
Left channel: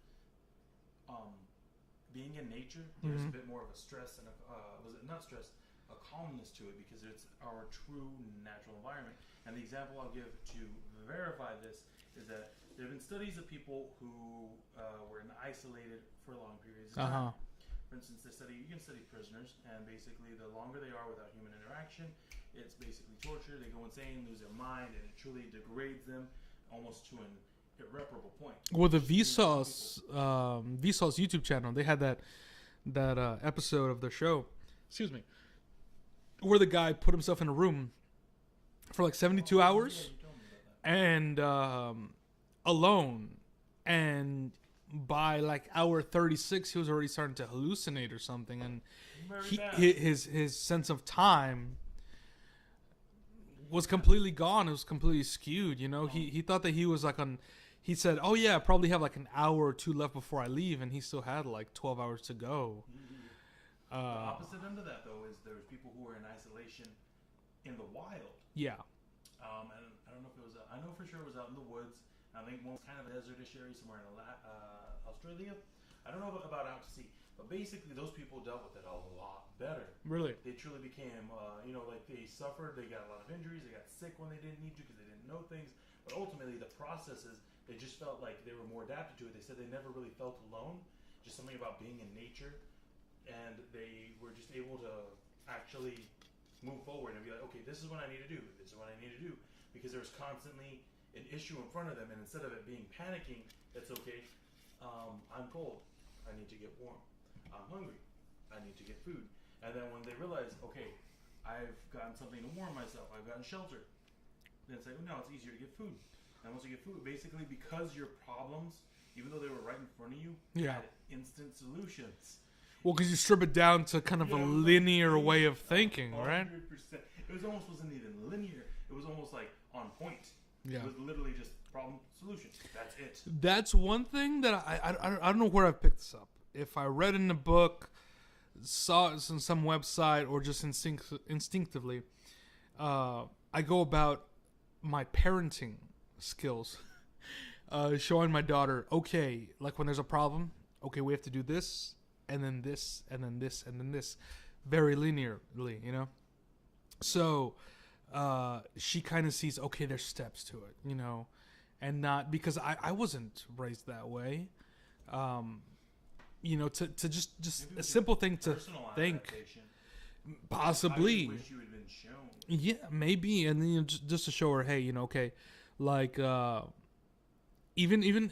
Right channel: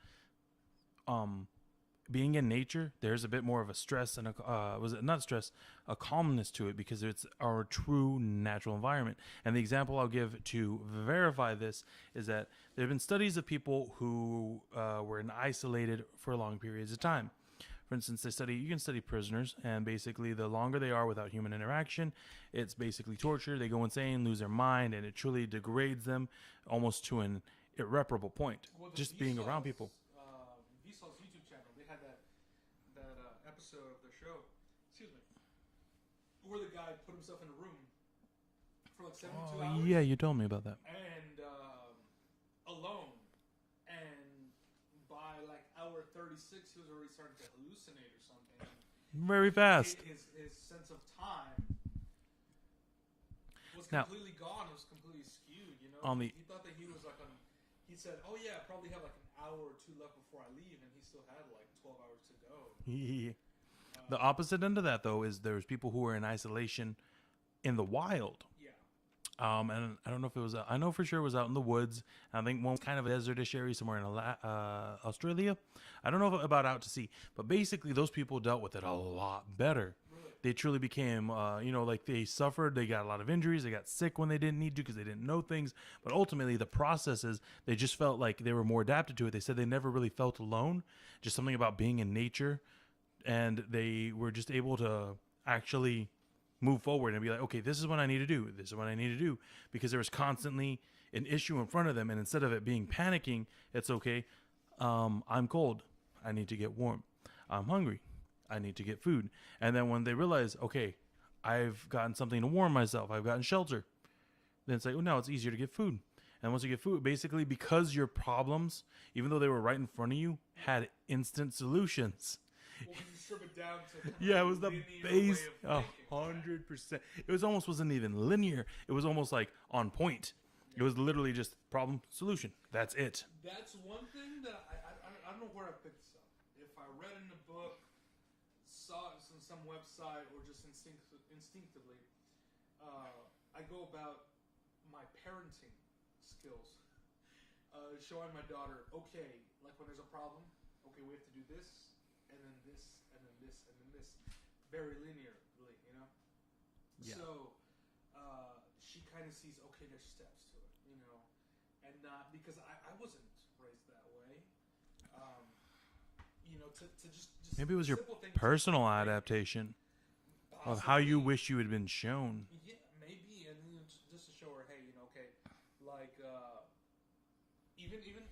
Being in nature, there's mm-hmm. a bit more of a stress and a calmness to it because it's our true natural environment. And the example I'll give to verify this is that there have been studies of people who were isolated for long periods of time. For instance, you can study prisoners, and basically the longer they are without human interaction, it's basically torture. They go insane, lose their mind, and it truly degrades them almost to an irreparable point. Well, the Vsauce YouTube channel, they had that episode of the show, where the guy put himself in a room for like 72 hours. Yeah, you told me about that. And alone, and by like hour 36, he was already starting to hallucinate or something, and very fast. His sense of time was completely gone. It was completely skewed. He thought that he was like on. He said, "Oh yeah, I probably have like an hour or two left before I leave," and he still had like 12 hours to go. The opposite end of that, though, is there's people who are in isolation in the wild. Yeah. And I don't know if it was. I know for sure it was out in the woods. I think one kind of a desertish area somewhere in Australia. I don't know about out to sea, but basically those people dealt with it a lot better. Really, they truly became, like they suffered. They got a lot of injuries. They got sick when they didn't need to because they didn't know things. But ultimately, the process is they just felt like they were more adapted to it. They said they never really felt alone. Just something about being in nature, and they were just able to actually move forward and be like, okay, this is what I need to do. This is what I need to do. Because there was constantly an issue in front of them. And instead of it being panicking, it's okay. I'm cold. I need to get warm. I'm hungry. I need to get food. And then when they realize, okay, I've gotten something to warm myself. I've gotten shelter. Then it's like, oh, now it's easier to get food. And once you get food, basically because your problems, even though they were right in front of you, had instant solutions. Well, because you strip it down to kind of a linear way of thinking, 100%. Right? It wasn't even linear. It was almost like on point. Yeah. It was literally just problem, solution. That's it. That's one thing that I don't know where I picked this up. If I read in a book, saw it on some website, or just instinctively, I go about my parenting skills, showing my daughter, okay, like when there's a problem, okay, we have to do this, and then this, and then this, and then this, very linearly, Yeah. So she kind of sees, okay, there's steps to it, and not because I wasn't raised that way. To just maybe it was a simple thing, personal adaptation, possibly how you wish you had been shown. Yeah, maybe, and then just to show her, hey, okay, like even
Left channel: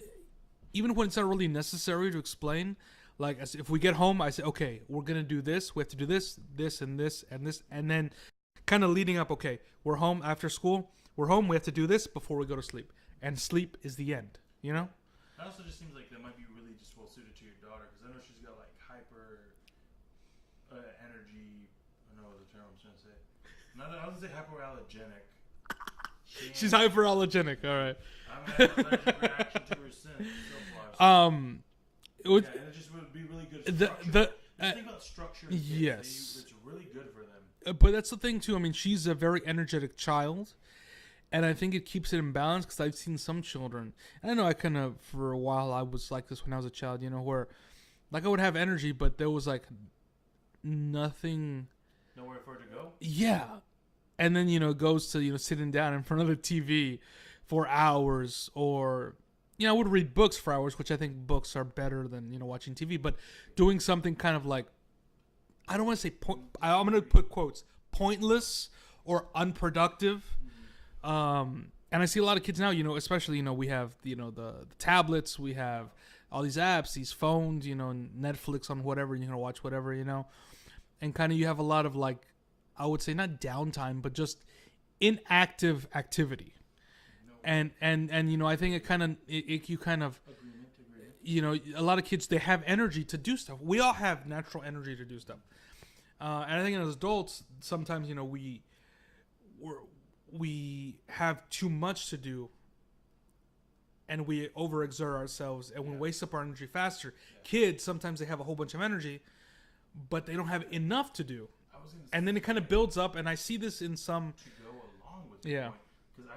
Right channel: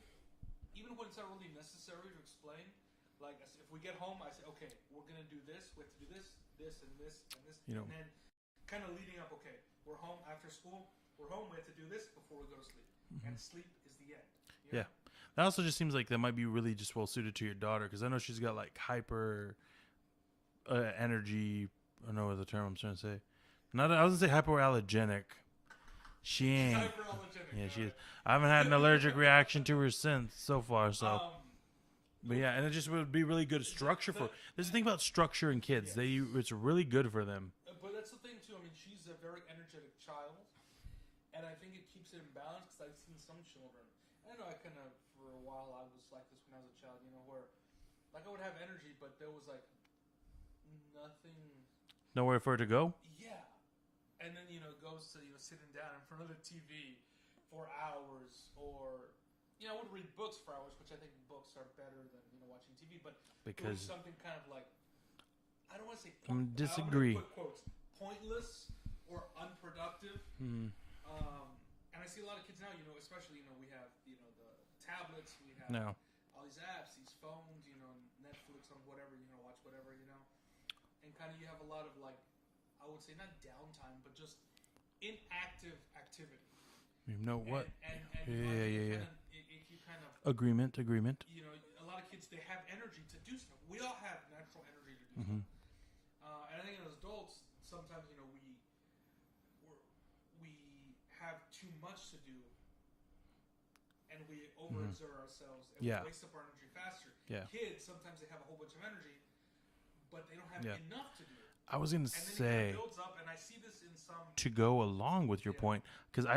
when it's not really necessary to explain. Like, if we get home, I say, okay, we're going to do this. We have to do this, this, and this, and this. Yep. And then kind of leading up, okay, we're home after school. We're home. We have to do this before we go to sleep. And sleep is the end, you know? That also just seems like that might be really just well suited to your daughter, because I know she's got, like, hyper energy. I don't know what the term I'm trying to say. I was going to say hypoallergenic. She's hyperallergenic. Yeah, all right. I haven't had an allergic reaction to her since so far. So. And it just would be really good structure. There's the thing about structure in kids. Yes. It's really good for them. But that's the thing, too. I mean, she's a very energetic child. And I think it keeps it in balance, because I've seen some children. And I know I kind of, for a while, I was like this when I was a child, where, like, I would have energy, but there was, like, nothing. Nowhere for her to go? Yeah. And then, it goes to, sitting down in front of the TV for hours, or I would read books for hours, which I think books are better than watching TV. But doing something kind of like, I don't want to say I'm going to put quotes, pointless or unproductive. And I see a lot of kids now, especially, we have, the tablets, we have all these apps, these phones, Netflix on whatever, you can watch whatever, and kind of you have a lot of like, I would say not downtime, but just inactive activity. I think it kind of, you kind of agreement. A lot of kids, they have energy to do stuff. We all have natural energy to do stuff. And I think as adults, sometimes, we have too much to do, and we overexert ourselves, and we waste up our energy faster. Kids, sometimes they have a whole bunch of energy, but they don't have enough to do. I was going to say, and then it kind of builds up, and I see this in some, to go along with your point, because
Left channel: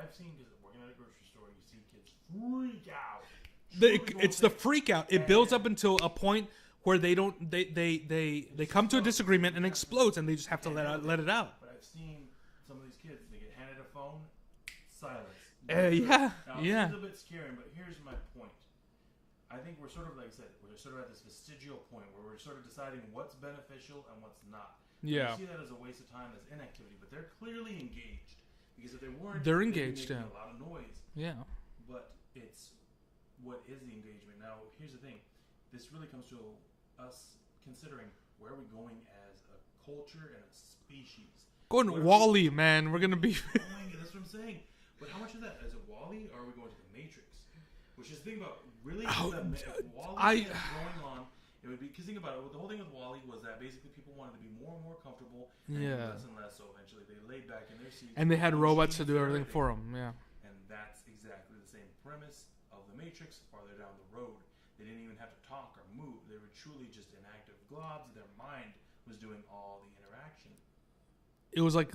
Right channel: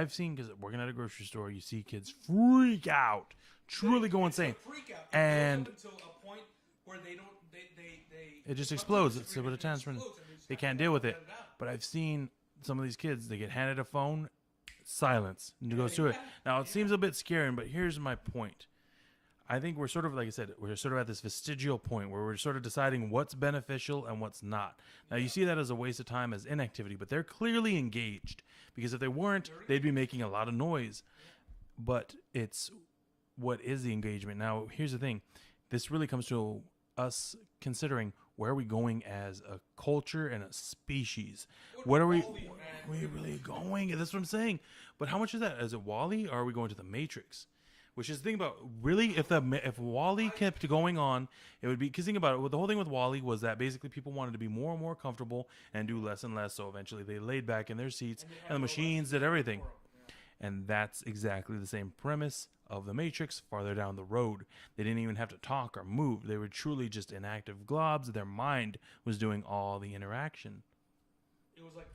working at a grocery store, you see kids freak out, truly go insane. It's the freak out. It builds up until a point where they don't, they come to a disagreement and it explodes, and they just have to let it out. But I've seen some of these kids, they get handed a phone, silence. Now it seems a bit scary, but here's my point. I think we're sort of, like I said, we're sort of at this vestigial point where we're sort of deciding what's beneficial and what's not. Now you see that as a waste of time, as inactivity, but they're clearly engaged, because if they weren't, they'd be making a lot of noise. But it's what is the engagement? Now, here's the thing. This really comes to us considering, where are we going as a culture and a species? Going to Wall-E, man. We're going to be going. That's what I'm saying. But how much is that? Is it Wall-E, or are we going to the Matrix? Which is the thing about, really, if Wall-E kept going on, it would be, because think about it, the whole thing with Wall-E was that basically people wanted to be more and more comfortable and do less and less, so eventually they laid back in their seats. And they had robots to do everything for them, And that's exactly the same premise of the Matrix farther down the road. They didn't even have to talk or move. They were truly just inactive globs. Their mind was doing all the interaction. It was like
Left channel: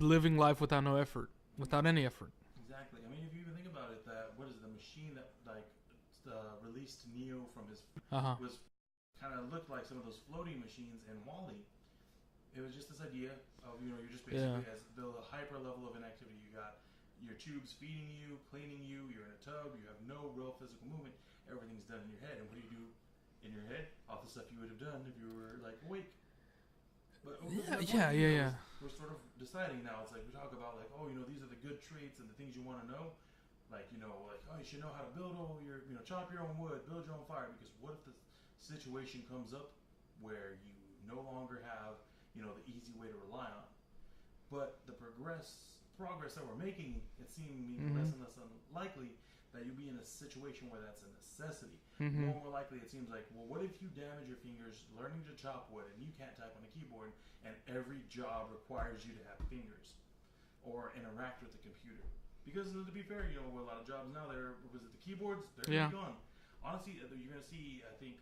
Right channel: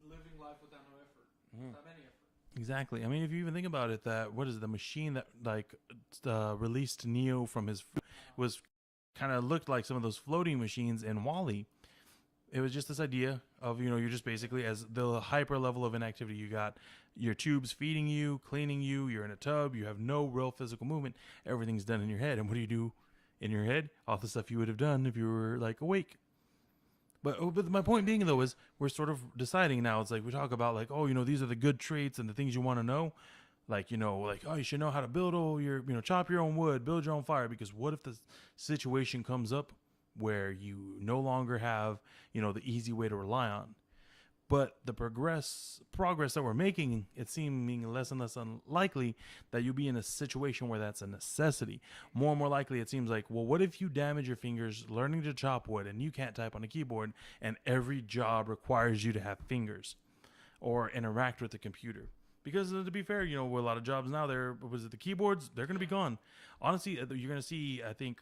living life without no effort, without any effort. Exactly. I mean, if you even think about it, the machine that released Neo from his was kind of looked like some of those floating machines in Wall-E. It was just this idea of, you're just basically as the hyper level of inactivity. You got your tubes feeding you, cleaning you, you're in a tub, you have no real physical movement. Everything's done in your head. And what do you do in your head? All the stuff you would have done if you were like awake. But my point being, though, is we're sort of deciding now. It's like we talk about, like, these are the good traits and the things you want to know. Like, you should know how to build all your, chop your own wood, build your own fire. Because what if the situation comes up where you no longer have, the easy way to rely on? But the progress that we're making, it's seeming less and less unlikely that you'll be in a situation where that's a necessity. More and more likely, it seems like, well, what if you damage your fingers learning to chop wood and you can't type on a keyboard, and every job requires you to have fingers or interact with the computer? Because to be fair, with a lot of jobs now, the keyboards, they're going to be gone. Honestly, you're going to see, I think,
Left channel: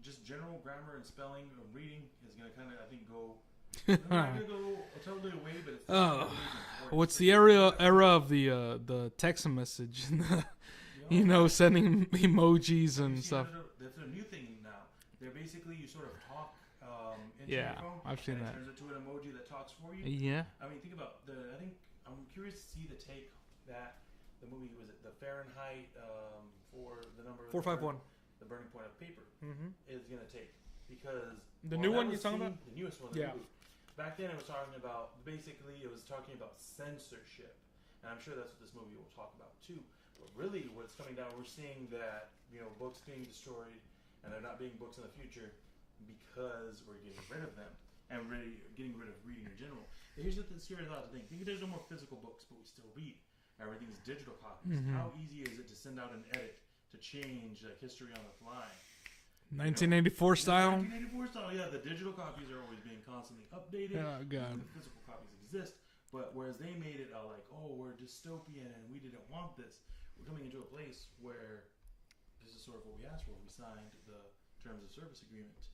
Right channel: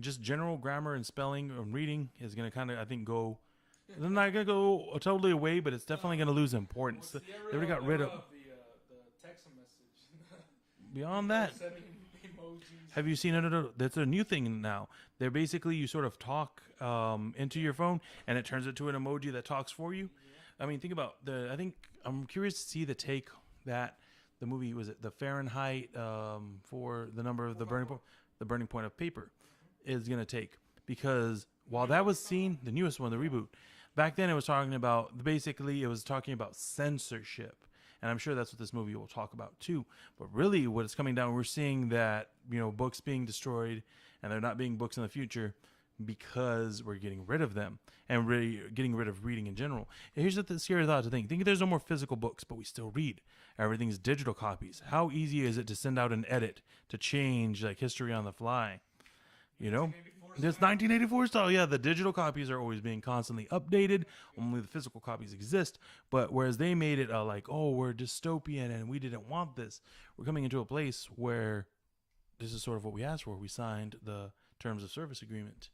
just general grammar and spelling and reading is going to kind of, I think, go... They're not going to go totally away, but it's definitely going to lose importance. What's the era of the text message? Sending emojis. Have you seen it? That's a new thing now. They're basically, you sort of talk into your phone, and it turns into an emoji that talks for you. Yeah. I mean, think about I think I'm curious to see the take that the movie, was it the Fahrenheit for the number of the burning point of paper is going to take. Because while that was seen, the newest one, the reboot, back then it was talking about, censorship. And I'm sure that's what this movie will talk about too. But really what it's coming down, we're seeing that, books being destroyed, and they're not being books in the future because we're getting rid of them and really getting rid of reading in general. And here's the scary thought to think there's no more physical books, but we still read. Everything's digital copies. How easy is it to send out an edit to change like history on the fly? 1984 style. 1984 style. Yeah, the digital copies are always being constantly updated. Only the physical copies exist. But whereas they made it we're dystopian and we didn't want this. We're coming into a place where this is sort of what we asked for. We signed the terms of service agreement,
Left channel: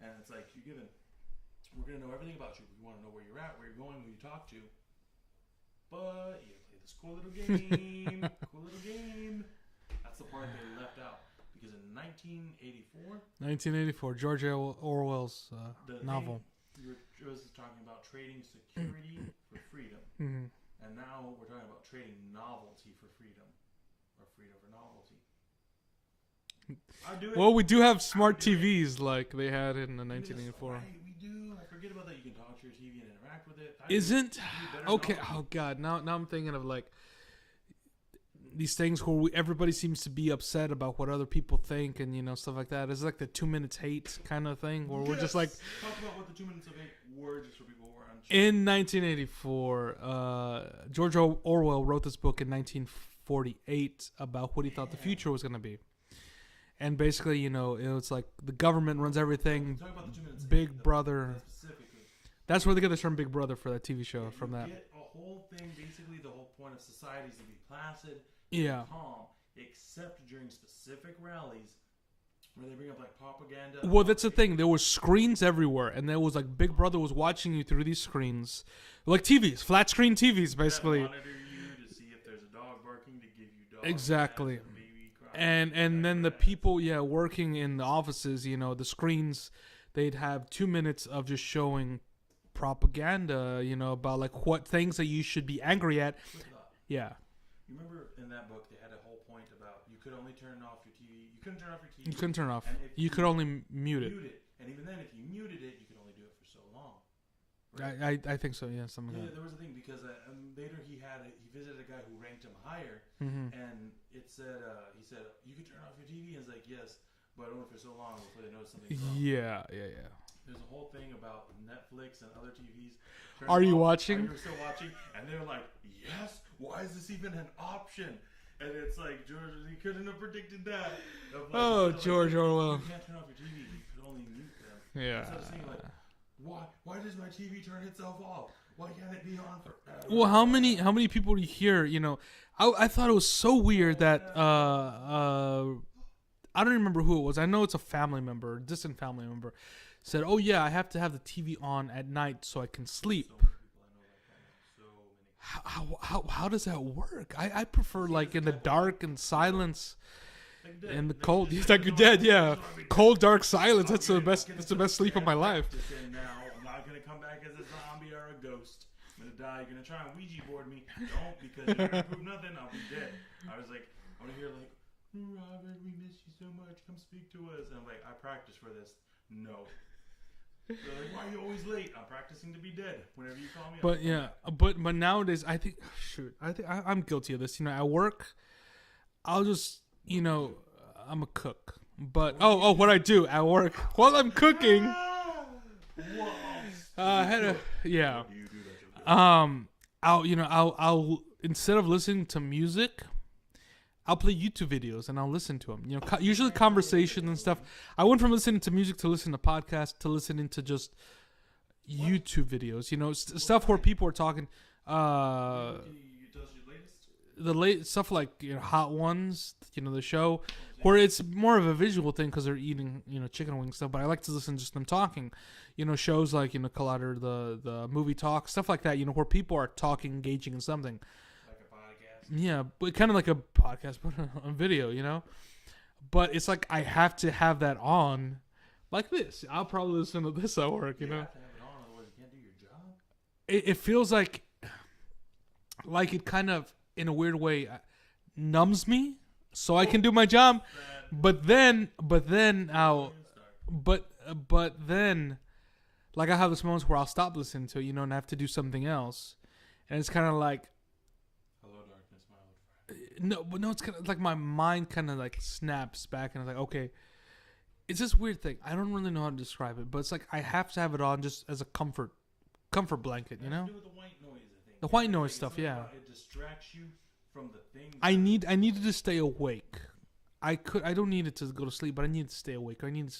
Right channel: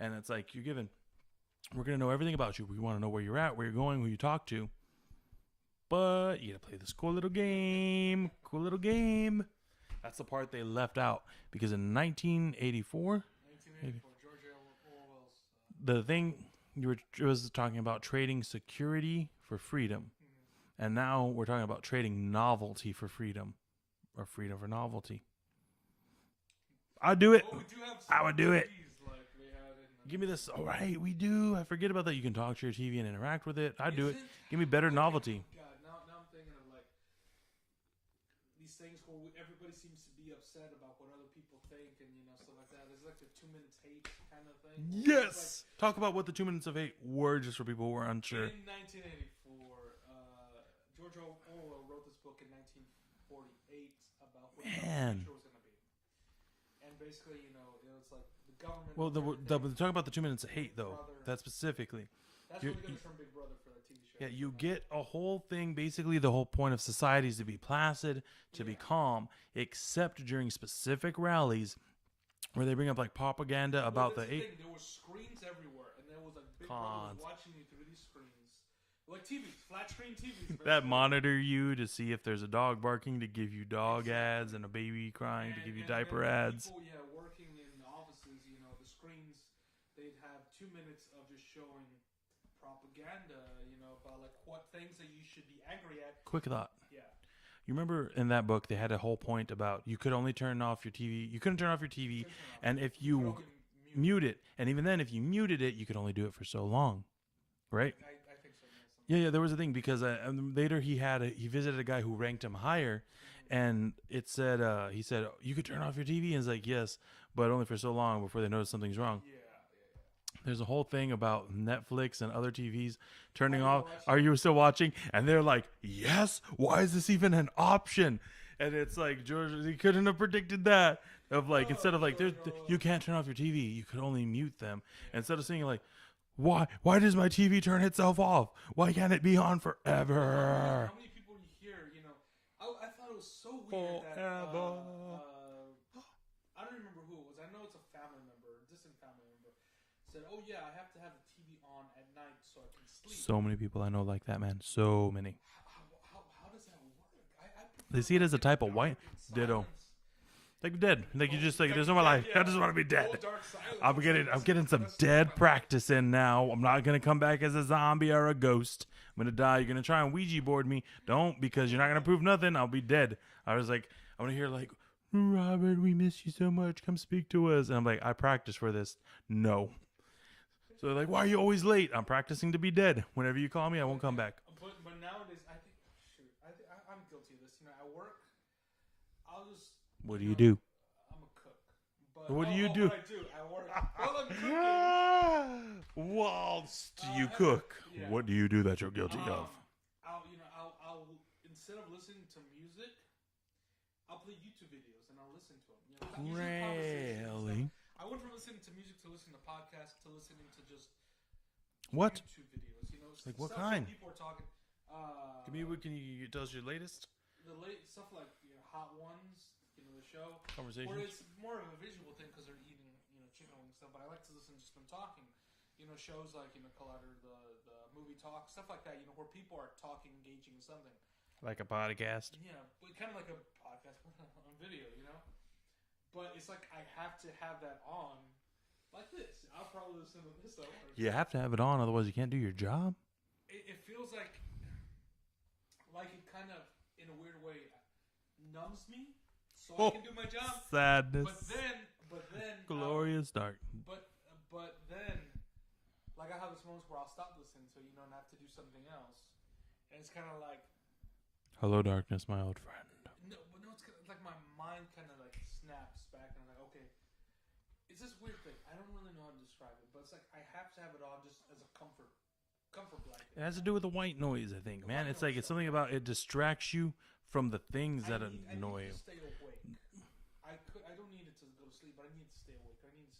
and it's like we're going to know everything about you. We want to know where you're at, where you're going, who you talk to. But you got to play this cool little game. That's the part they left out. Because in 1984, George Orwell's novel. It was talking about trading security for freedom. And now we're talking about trading novelty for freedom, or freedom for novelty. I'll do it. Well, we do have smart do it. TVs like they had in the 1984. Give me this. All right, we do. I forget about that. You can talk to your TV and interact with it. Isn't give me better okay, novelty. Oh God, now I'm thinking of like these things where everybody seems to be upset about what other people think and stuff like that. It's like the 2 minutes hate kind of thing where we're just like talk about what the 2 minutes of hate were, just for people who were unsure. In 1984, George Orwell wrote this book in 1948 about what he thought the future was going to be. And basically, it was like the government runs everything. Talk about the 2 minutes of Big hate, though. Brother. That specifically. That's where they get the term Big Brother for that TV show. Yeah, from that. Get a whole thing. Basically, the whole point of society is to be placid, to be calm, except during specific rallies where they bring up like propaganda. Well, that's the thing. There were screens everywhere, and there was like Big Brother was watching you through these screens, like TVs, flat screen TVs, basically. That monitor you to see if there's a dog barking, to give you dog ads and a baby crying, and then the ads. People working in the offices, the screens, they'd have 2 minutes of just showing propaganda, about like what things that you should be angry at. Quick thought. Yeah. You remember in that book they had a whole point about you could only turn off your TV. You couldn't turn off your TV. You couldn't turn off. And if you could only mute it. And even then, if you muted it, you could only do it for so long. Right? I think so. Yeah. Yeah. There was a thing because later he visited a guy who ranked him higher, and it said he said you could turn off your TV, and it's like yes, but only for so long before they notice something's wrong. Yeah. There's a whole thing about Netflix and other TVs turning off. Are you off. watching? Are you still watching? And they're like, yes. Why is this even an option? And it's like George, he couldn't have predicted that. Of like instead of George like Orwell. you can't turn off your TV, you could only mute them. Yeah. Instead of saying like, why does my TV turn itself off? Why can't it be on forever? Well, how many people do you hear? I thought it was so weird that I don't remember who it was. I know it's a family member, a distant family member. Said, "Oh yeah, I have to have the TV on at night so I can sleep." So many people I know like that, man. So many. How does that work? I prefer like in the dark and silence. Like dead. And the like cold. Just, He's like you're dead, yeah. I just want to be dead. Cold, dark silence. I'm That's the best. I'm It's the best some sleep of dead my life. practice in now. I'm not gonna come back as a zombie or a ghost. I'm gonna die. You're gonna try and Ouija board me. Don't, because you're not gonna prove nothing. I'll be dead. I was like, I'm gonna hear like, Robert, we miss you so much. Come speak to us. And I'm like, I practice for this. No. So they're like, why are you always late? I'm practicing to be dead. Whenever you call me, I will come back. But nowadays, I think I'm guilty of this. At work, I'll just What do you do? I'm a cook. But what I do at work while I'm cooking. Cook. Yeah. What do you do that you're guilty of? I'll instead of listening to music, I'll play YouTube videos and I'll listen to them. Usually conversations and stuff. I went from listening to music to listening to podcasts to listening to just YouTube videos. Stuff where people are talking. What can you tell us your latest? The late stuff like Hot Ones, the show, where it's more of a visual thing because they're eating chicken wing stuff. But I like to listen to just them talking. Shows like Collider, the movie talk, stuff like that. Where people are talking, engaging in something. Like a podcast. Yeah, but kind of like a podcast, but on video. But it's like I have to have that on, like this. I'll probably listen to this at work. You have to have it on, otherwise you can't do your job. It feels like it kind of, in a weird way, numbs me, so I can do my job. Sadness. But then like I have this moments where I'll stop listening to and have to do something else, and it's kind of like, hello, darkness, my old friend. No, it's kind of like my mind kind of like snaps back, and it's like, okay, it's this weird thing. I don't really know how to describe it, but it's like I have to have it on just as a comfort blanket. It has to do with the white noise, I think. The white noise stuff. It's something about it distracts you from the things. I need to stay awake. I don't need it to go to sleep, but I need to stay awake. I need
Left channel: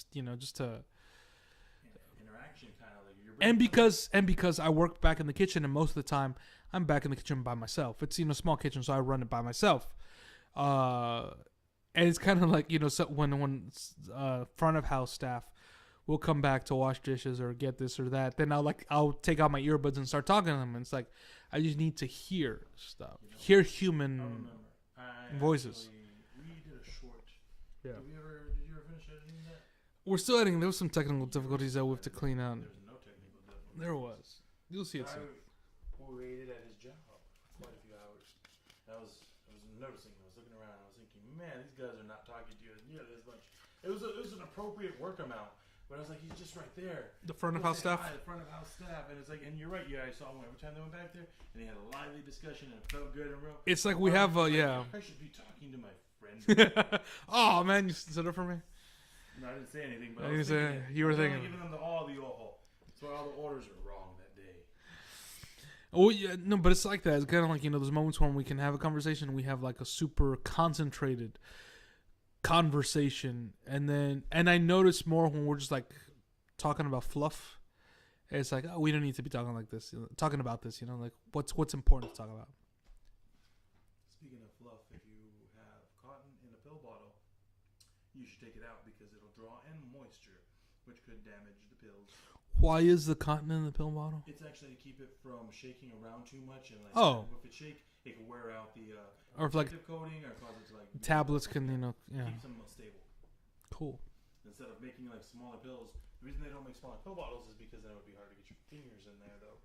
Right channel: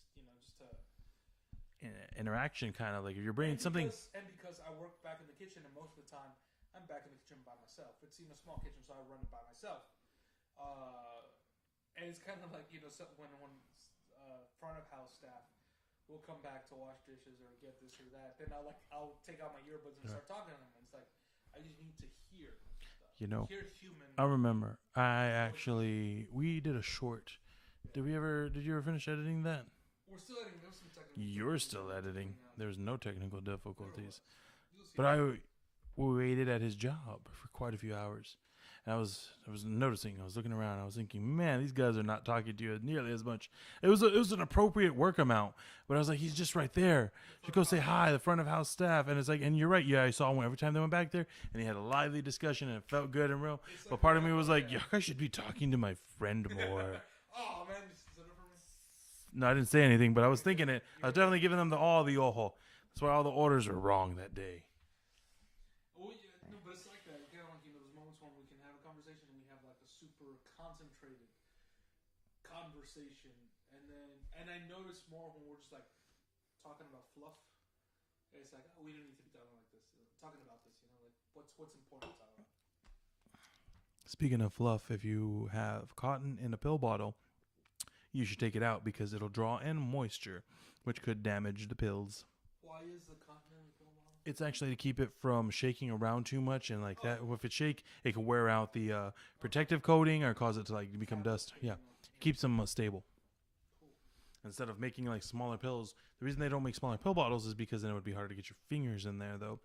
just to interaction, kind of like if you're bringing because I work back in the kitchen, and most of the time I'm back in the kitchen by myself. It's small kitchen, so I run it by myself. And it's kind of like so when front of house staff will come back to wash dishes or get this or that, then I'll take out my earbuds and start talking to them. And it's like I just need to hear stuff, hear human. I remember voices. We did a short. Yeah. Did you ever finish editing that? We're still editing. There was some technical difficulties that we have to clean out. There was no technical difficulties. There was. You'll see. But we waited at his job for quite a few hours. And I was noticing. I was looking around. I was thinking, man, these guys are not talking to you nearly as much. It was an appropriate work amount, but I was like, he's just right there. The front Go of house say staff. hi. The front of house staff, and it's like, and you're right. Yeah, I saw one every time they went back there, and he had a lively discussion, and it felt good and real. It's like But we part of have me was like, yeah. I should be talking to my friend more. Oh man, you stood up for me. No, I didn't say anything, but I was You didn't thinking say it. it. You I was were definitely thinking- giving them the ojo. That's why all the orders were wrong that day. Oh yeah, no, but it's like that. It's kind of like those moments when we can have a conversation. We have like a super concentrated conversation, and I notice more when we're just like talking about fluff. It's like, oh, we don't need to be talking like this, talking about this. Like what's important to talk about. Speaking of fluff, if you have cotton in a pill bottle, you should take it out because it'll draw in moisture, which could damage the pills. Why is the cotton in the pill bottle? It's actually to keep it from shaking around too much, and if it shake, it can wear out the protective coating or cause it to like become tablets dust. can Keeps them stable. Cool. Instead of making like smaller pills, the reason they don't make smaller pill bottles is because then it would be hard to get your fingers in there. Though,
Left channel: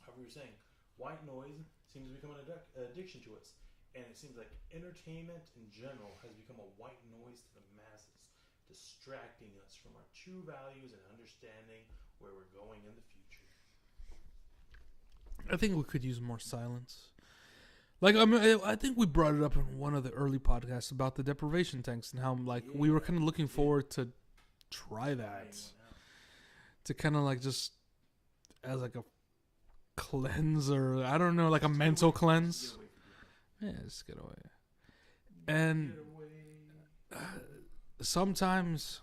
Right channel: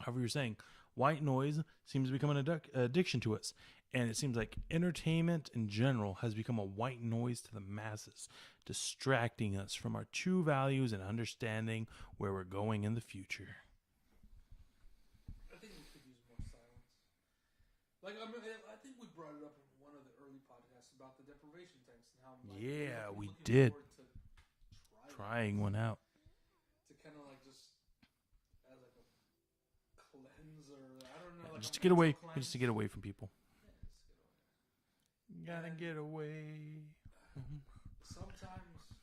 however, you're saying white noise seems to become an addiction to us, and it seems like entertainment in general has become a white noise to the masses, distracting us from our true values and understanding where we're going in the future. I think we could use more silence. Like, I mean, I think we brought it up in one of the early podcasts about the deprivation tanks and how we were kind of looking forward to trying one out, to kind of like just as like a cleanse, or I don't know, like just a mental cleanse, just to get away from people. Yeah, just get away. And get away. Sometimes,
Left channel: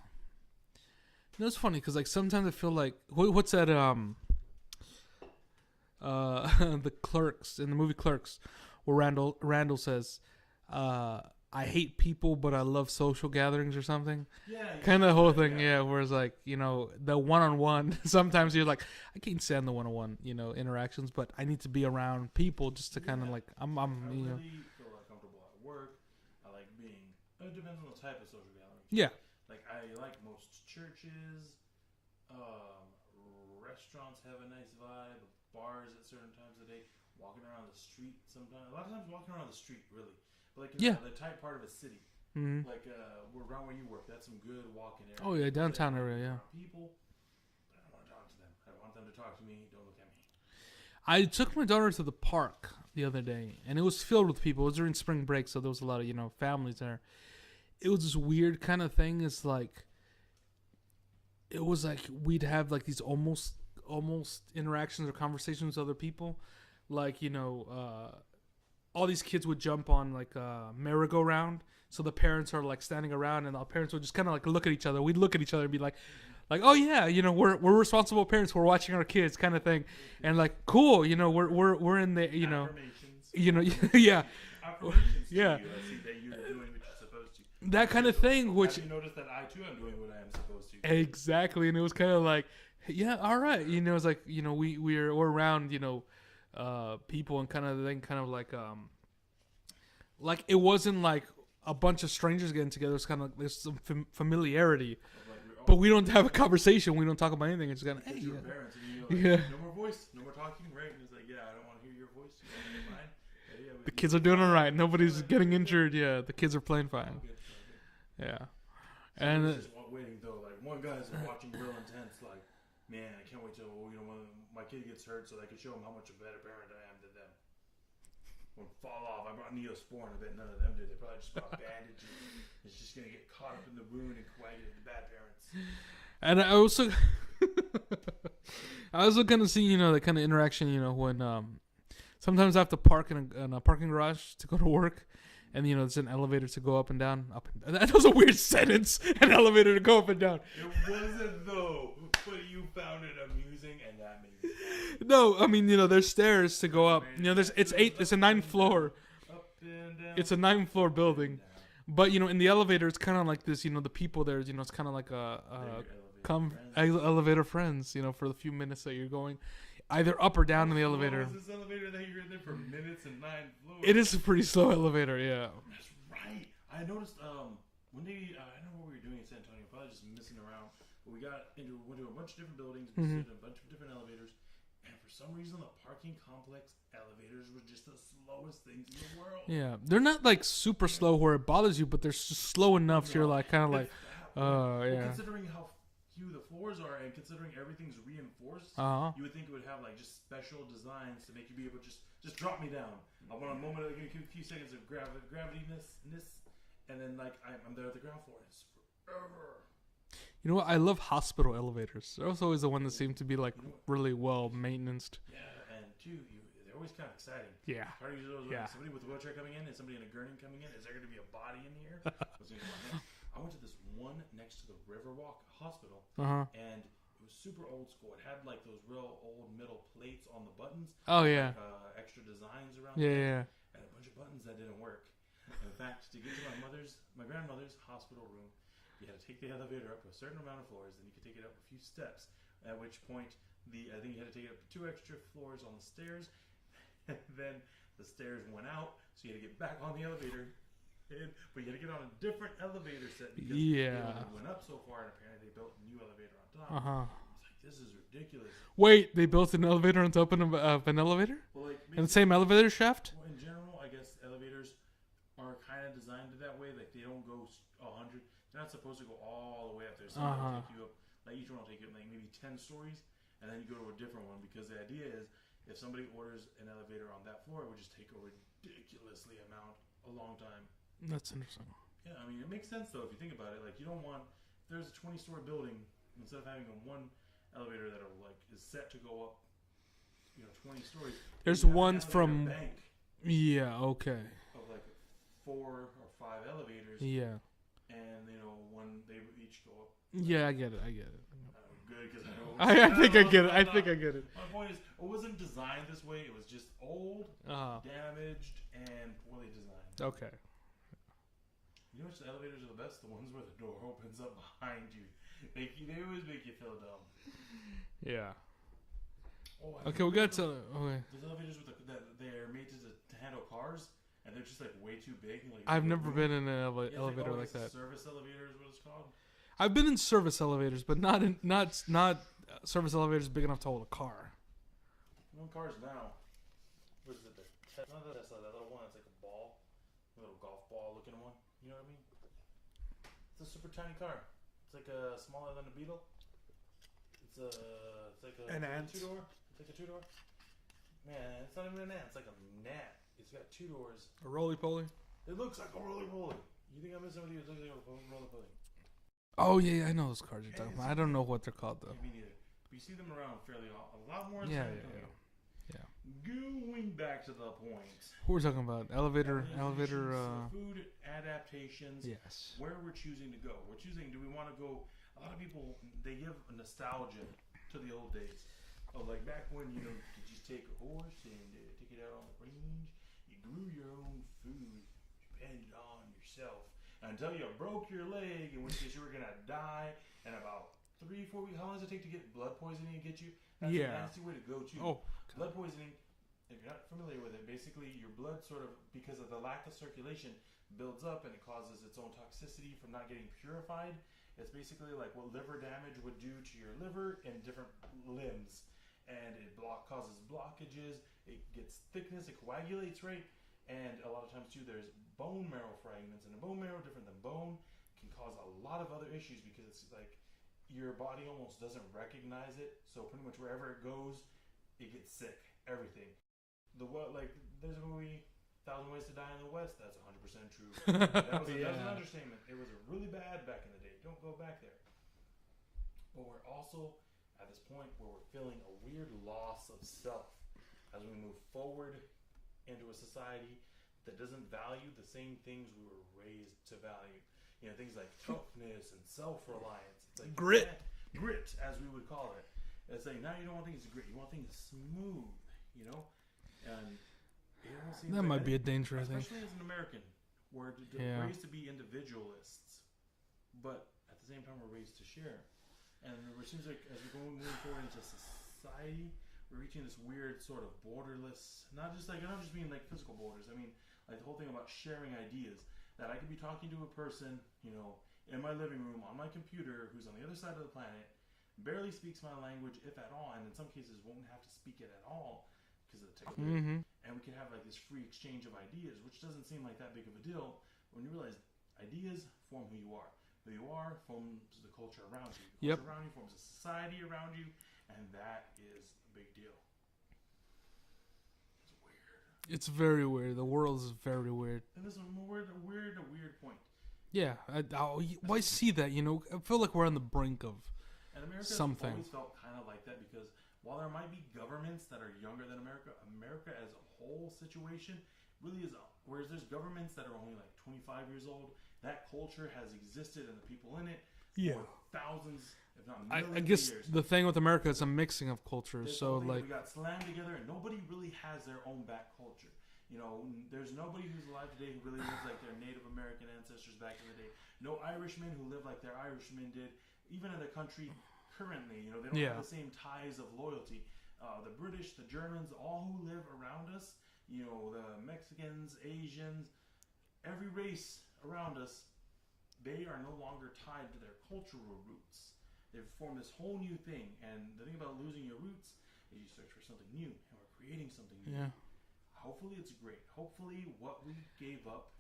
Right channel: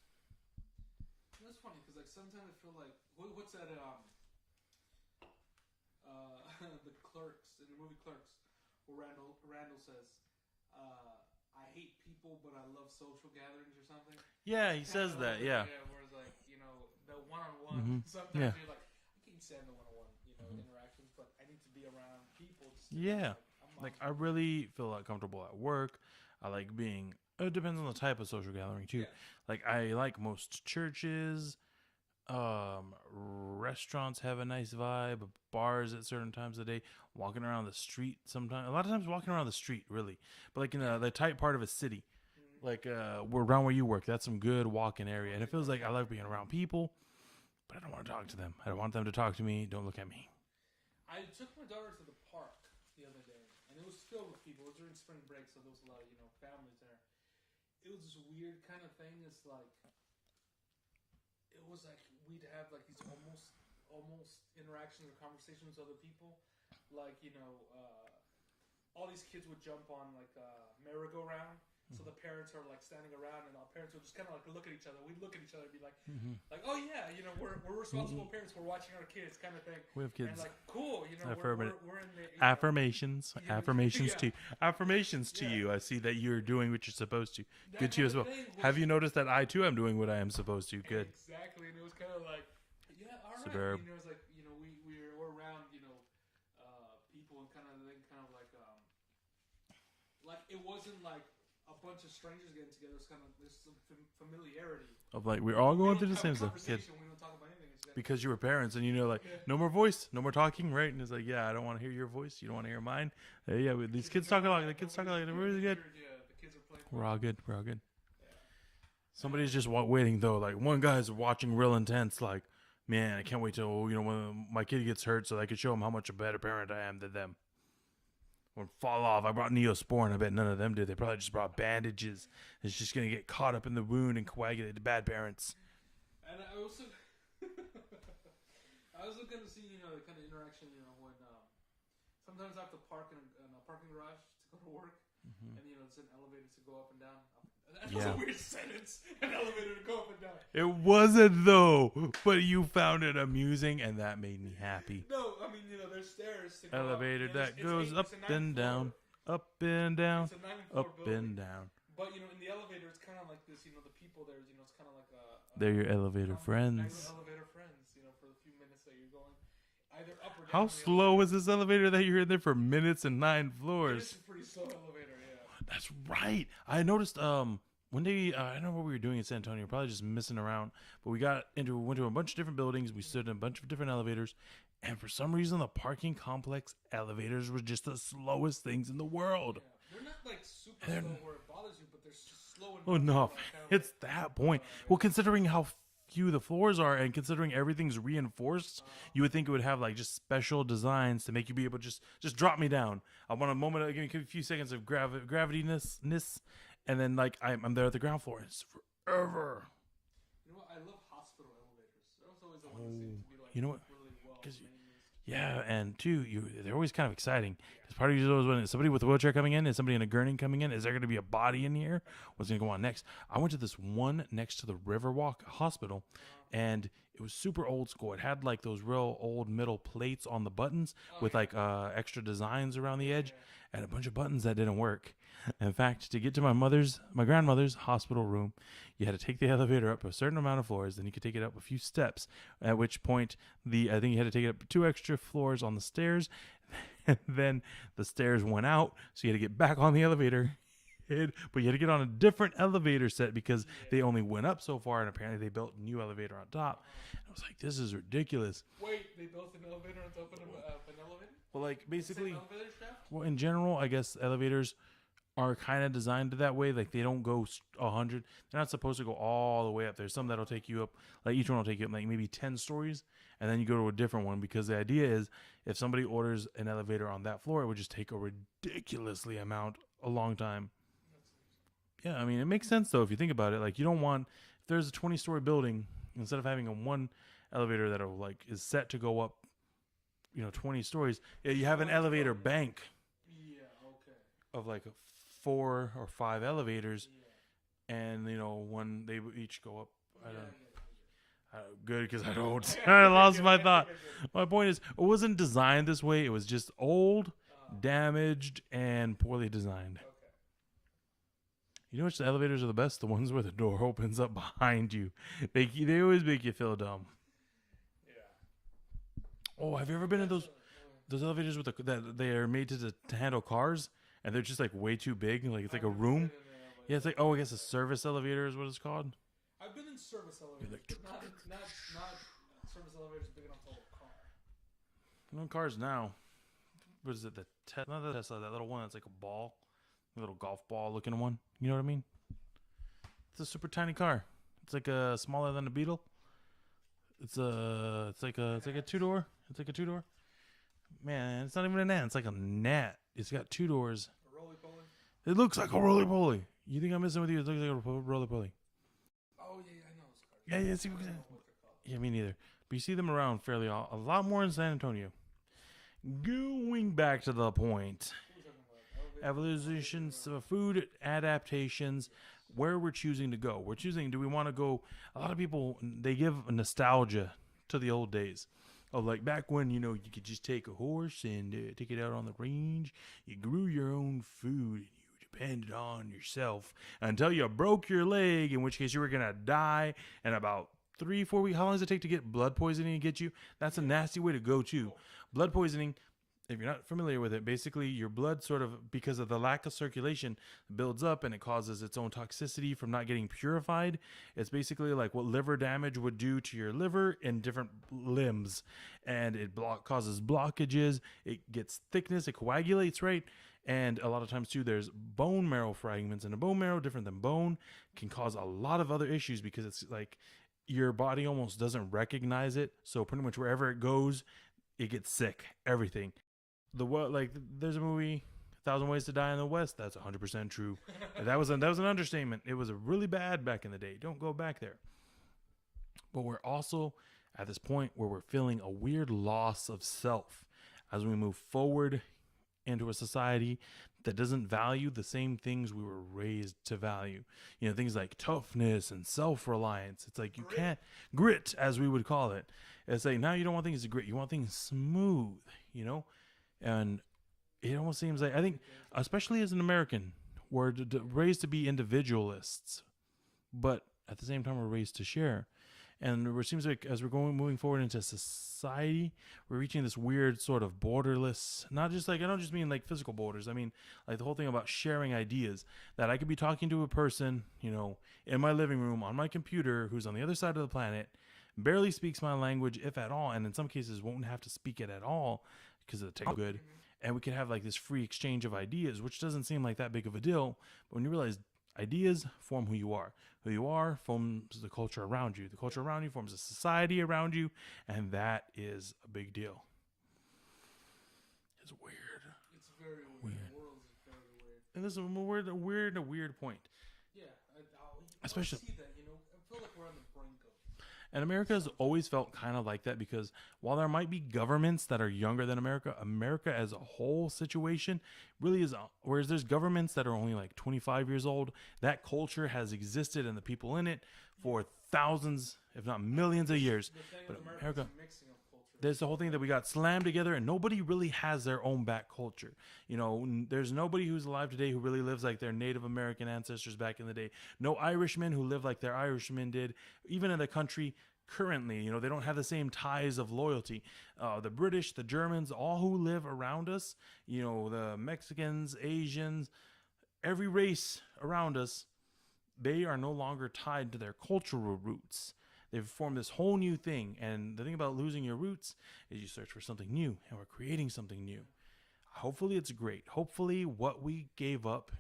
it's funny because like sometimes I feel like what's that the Clerks, in the movie Clerks, where Randall says, I hate people but I love social gatherings or something. Yeah, kind of the whole thing. Yeah, where it's like, the one-on-one. Mm-hmm. Sometimes you're like, I can't stand the one-on-one interactions, but I need to be around people just to kind of like I really feel like comfortable at work. I like being. It depends on the type of social gathering too. Yeah. Like I like most churches. Restaurants have a nice vibe. Bars at certain times of the day. Walking around the street sometimes. A lot of times walking around the street, really. But like in the tight part of a city. Mm-hmm. Like we're around where you work. That's some good walking area. Oh, yeah, it feels like I like area, being around people. But I don't want to talk to them. I don't want them to talk to me. Don't look at me. I took my daughter to the park the other day, and it was filled with people. It was during spring break, so there was a lot of families there. It was this weird kind of thing. It's like, it was like we'd have like these almost interactions or conversations with other people, like all these kids would jump on like a merry-go-round. So the parents are like standing around, and our parents would just kind of like look at each other. We'd look at each other and be like, oh yeah, we're responsible parents. We're watching our kids, kind of thing. And like, cool, we're in the affirmations. Affirmations yeah. Affirmations to you. I see that you're doing what you're supposed to. That kind of thing. Have you noticed that I too am doing what I am supposed to? Exactly, and it was kind of like, yeah, all right. It's like we're around people, and kind of like it wasn't like a bunch of strangers getting together. It's kind of like there's some familiarity of like we're all. But we don't have a conversation. We don't talk about anything. It's kind because you were parents and no more voice, no more talking, right? And it's like, yeah, I don't want to hear your voice. You don't want to hear mine. Yeah, the kids are doing all right. Nobody's getting injured. Yeah, the kids are playing fine. We're all good. We're all good. Yeah. Somebody's just waiting though. Like one guy's watching real intense. Like, man, I can't wait till when my kid gets hurt so I can show him how much a better parent I am than them. Would fall off. I brought Neosporin. I bet none of them did. They probably just brought bandages. It's just gonna get caught up in the wound and coagulate. Bad parents. And I also, kind of see the kind of interaction when sometimes I have to park in a parking garage to go to work, and there's an elevator to go up and down. That was a weird sentence. An elevator to go up and down. It wasn't though, but you found it amusing, and that made me happy. No, I mean there's stairs to go elevator up. It's a 9th floor. Down, up and down. It's a 9th floor building. But in the elevator, it's kind of like this. The people there, it's kind of like they're your elevator friends. Elevator friends. For the few minutes that you're going. Either up or down in the elevator. How slow is this elevator that you're in there for minutes and 9 floors? It is a pretty slow elevator, yeah. That's right. I noticed one day, I don't know what we were doing in San Antonio, probably just missing around, but we went to a bunch of different buildings, we stood in a bunch of different elevators, And for some reason, the parking complex elevators were just the slowest things in the world. Yeah, they're not like super slow where it bothers you, but they're just slow enough. You're like kind of like it's that point. Well, considering how few the floors are, and considering everything's reinforced, you would think it would have like just special designs to make you be able to just drop me down. I want a moment, give me a few seconds of gravity-ness, and then like I'm there at the ground floor. It's forever. You know what? I love hospital elevators. They're also always the one that seem to be like, really well maintenance. Yeah, and two, they're always kind of exciting. Yeah. Part of you is always wondering, is somebody with a wheelchair coming in? Is somebody in a gurney coming in? Is there going to be a body in here? What's going to go on next? I went to this one next to the Riverwalk Hospital, and it was super old school. It had like those real old metal plates on the buttons with like extra designs around the edge, and a bunch of buttons that didn't work. In fact, to get to my grandmother's hospital room, you had to take the elevator up a certain amount of floors, then you could take it up a few steps, at which point I think you had to take it up 2 extra floors on the stairs, and then the stairs went out, so you had to get back on the elevator, but you had to get on a different elevator set because they only went up so far, and apparently they built a new elevator on top. I was like, this is ridiculous. Wait, they built an elevator on top of an elevator? Well, like in the same elevator shaft? Well, in general, I guess elevators are kind of designed that way. Like they don't go 100. They're not supposed to go all the way up. There's some that'll take you up, like each one will take you up like maybe 10 stories, and then you go to a different one, because the idea is if somebody orders an elevator on that floor, it would just take a ridiculously a long time. That's interesting. Yeah, I mean, it makes sense though if you think about it. Like you don't want, if there's a 20-story building, instead of having a one elevator that is set to go up, 20 stories, you have an elevator bank. Yeah. Okay. Of like 4 or 5 elevators. Yeah. And one they each go up. Yeah, I get it. Good, because I don't. I think I get it. My point is, it wasn't designed this way. It was just old, damaged, and poorly designed. Okay. You know which elevators are the best? The ones where the door opens up behind you. They always make you feel dumb. Yeah. Oh, have you ever been in those elevators that they are made to handle cars? And they're just like way too big. Like it's I've like a never room. been in an elevator. Yeah, it's like I guess a service elevator is what it's called. I've been in service elevators, but not service elevators big enough to hold a car. No cars now. What is it? Not the Tesla. That little one that's like a ball, a little golf ball looking one. You know what I mean? It's a super tiny car. It's like smaller than a Beetle. It's like a 2-door. It's like a 2-door. Man, it's not even an ant. It's like a gnat. It's got 2 doors. A roly-poly? It looks like a roly-poly. You think I'm messing with you? It looks like a roly-poly. Oh, yeah, I know those cars. Yeah, I don't know what they're called, though. Yeah, me neither. But you see them around a lot more in San Antonio. Yeah. Going back to the point. What we're talking about? Elevator food adaptations. Yes. Where we're choosing to go. We're choosing, do we want to go? A lot of people, they give nostalgia to the old days. Of like back when, you could just take a horse and take it out on the range. You grew your own food. You depended on yourself until you broke your leg, in which case you were going to die in about 3-4 weeks. How long does it take to get blood poisoning and get you? That's a nasty way to go, too. Oh. Blood poisoning, if you're not familiar with it, basically your blood sort of, because of the lack of circulation, builds up and it causes its own toxicity from not getting purified. It's basically like what liver damage would do to your liver in different limbs. And it causes blockages. It gets thickness. It coagulates, right? And a lot of times, too, there's bone marrow fragments. And a bone marrow, different than bone, can cause a lot of other issues because it's like your body almost doesn't recognize it. So pretty much wherever it goes, it gets sick. Everything. There's a movie, 1,000 Ways to Die in the West. That's 100% true. That was an understatement. It was really bad back in the day. Don't go back there. But we're also at this point where we're feeling a weird loss of self as we move forward into a society that doesn't value the same things we were raised to value. Things like toughness and self-reliance. It's like grit, as we would call it. It's like now you don't want things to grit. You want things smooth, And it almost seems like, I think, especially as an American, we're raised to be individualists, but at the same time, we're raised to share. And it seems like as we're moving forward into society, we're reaching this weird sort of borderless, not just like, I don't just mean like physical borders. I mean, like the whole thing about sharing ideas, that I could be talking to a person, in my living room on my computer who's on the other side of the planet, barely speaks my language, if at all, and in some cases won't have to speak it at all because of the tech good. And we can have like this free exchange of ideas, which doesn't seem like that big of a deal. But when you realize ideas form who you are. Who you are forms the culture around you. The culture around you forms a society around you, and that is a big deal. It's weird. It's very weird. The world is very weird. And this is a weird point. Yeah, I see that. You know, I feel like we're on the brink of. And America has always felt kind of like that because while there might be governments that are younger than America, America as a whole situation really is. Whereas there's governments that are only like 25 years old, that culture has existed and the people in it for thousands, if not millions of years. The thing with America is a mixing of cultures. There's the whole thing that we got slammed together and nobody really has their own back culture. You know, there's nobody who's alive today who really lives like their Native American ancestors back in the day. No Irishmen who live like their Irishmen did. Even in the country currently, you know, they don't have the same ties of loyalty. The British, the Germans, all who live around us, you know, the Mexicans, Asians, every race around us, they are no longer tied to their cultural roots. They've formed this whole new thing. And the thing about losing your roots is you search for something new, and we're creating something new. Yeah. Hopefully it's great. Hopefully what we gave up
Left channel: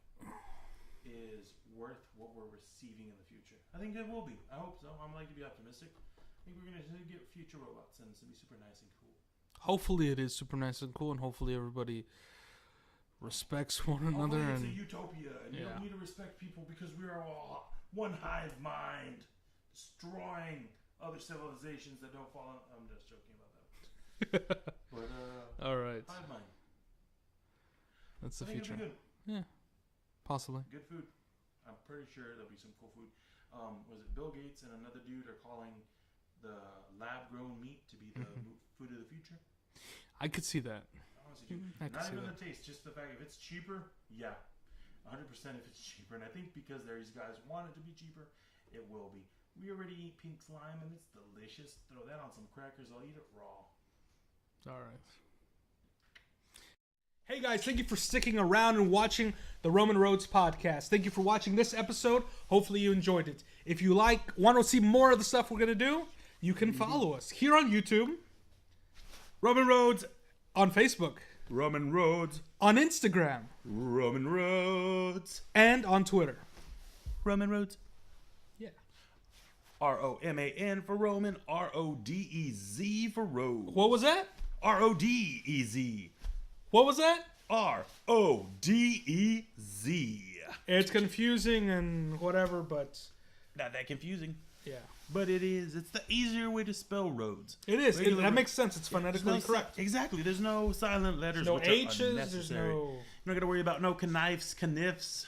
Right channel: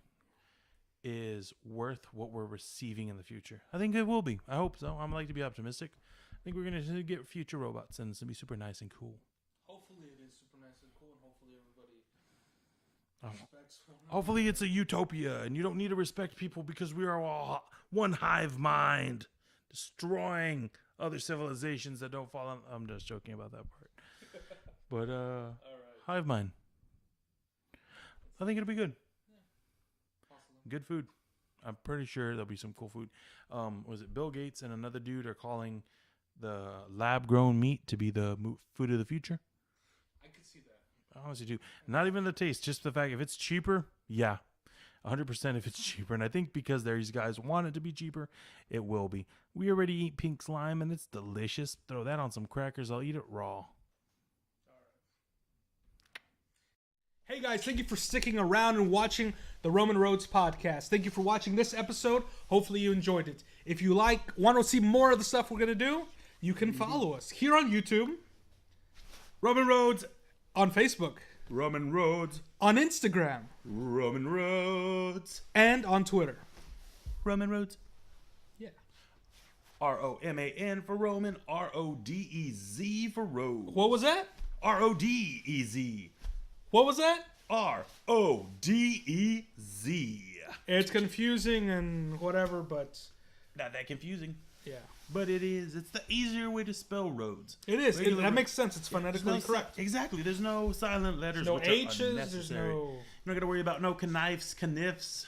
is worth what we're receiving in the future. I think it will be. I hope so. I like to be optimistic. I think we're going to get future robots, and it's going to be super nice and cool. Hopefully it is super nice and cool, and hopefully everybody respects one another. Hopefully it's a utopia, and you don't need to respect people because we are all one hive mind, destroying other civilizations that don't fall on. I'm just joking about that part. But, all right. Hive mind. I think it'll be good. Yeah. Possibly. Good food. I'm pretty sure there'll be some cool food. Was it Bill Gates and another dude are calling the lab-grown meat to be the food of the future? I could see that. I honestly do. Not even the taste, just the fact if it's cheaper, yeah. 100% if it's cheaper. And I think because these guys want it to be cheaper, it will be. We already eat pink slime, and it's delicious. Throw that on some crackers. I'll eat it raw. All right. Hey guys, thank you for sticking around and watching the Roman Rodez Podcast. Thank you for watching this episode. Hopefully you enjoyed it. If you want to see more of the stuff we're going to do, you can follow us here on YouTube, Roman Rodez on Facebook, Roman Rodez on Instagram, Roman Rodez, and on Twitter, Roman Rodez. Yeah. ROMAN for Roman, RODEZ for Rose. What was that? RODEZ. What was that? RODEZ. It's confusing and whatever, but not that confusing. Yeah. But it is. It's the easier way to spell roads. It is. That makes sense. It's phonetically correct. Exactly. There's no silent letters. There's no H's. There's no. You're not going to worry about no connifes, connifs.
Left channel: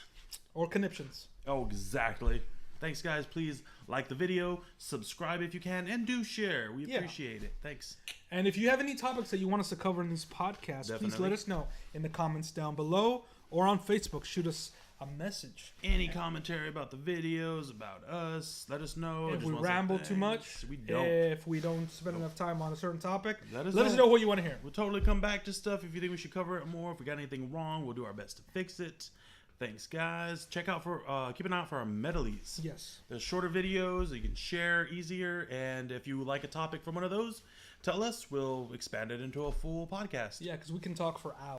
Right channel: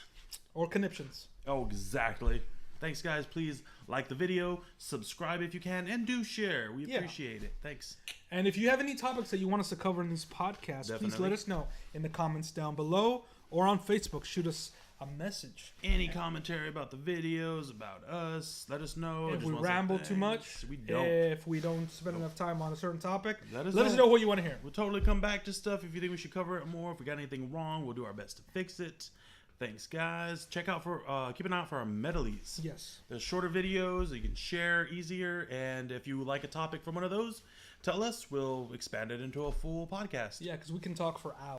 Or conniptions. Oh, exactly. Thanks, guys. Please like the video, subscribe if you can, and do share. We appreciate it. Thanks. And if you have any topics that you want us to cover in these podcasts, please let us know in the comments down below or on Facebook. Shoot us a message. Any commentary about the videos, about us, let us know. If we ramble too much, we don't. If we don't spend enough time on a certain topic, let us know what you want to hear. We'll totally come back to stuff if you think we should cover it more. If we got anything wrong, we'll do our best to fix it. Thanks, guys. Keep an eye out for our medleys. Yes. There's shorter videos that you can share easier, and if you like a topic from one of those, tell us. We'll expand it into a full podcast. Yeah, because we can talk for hours.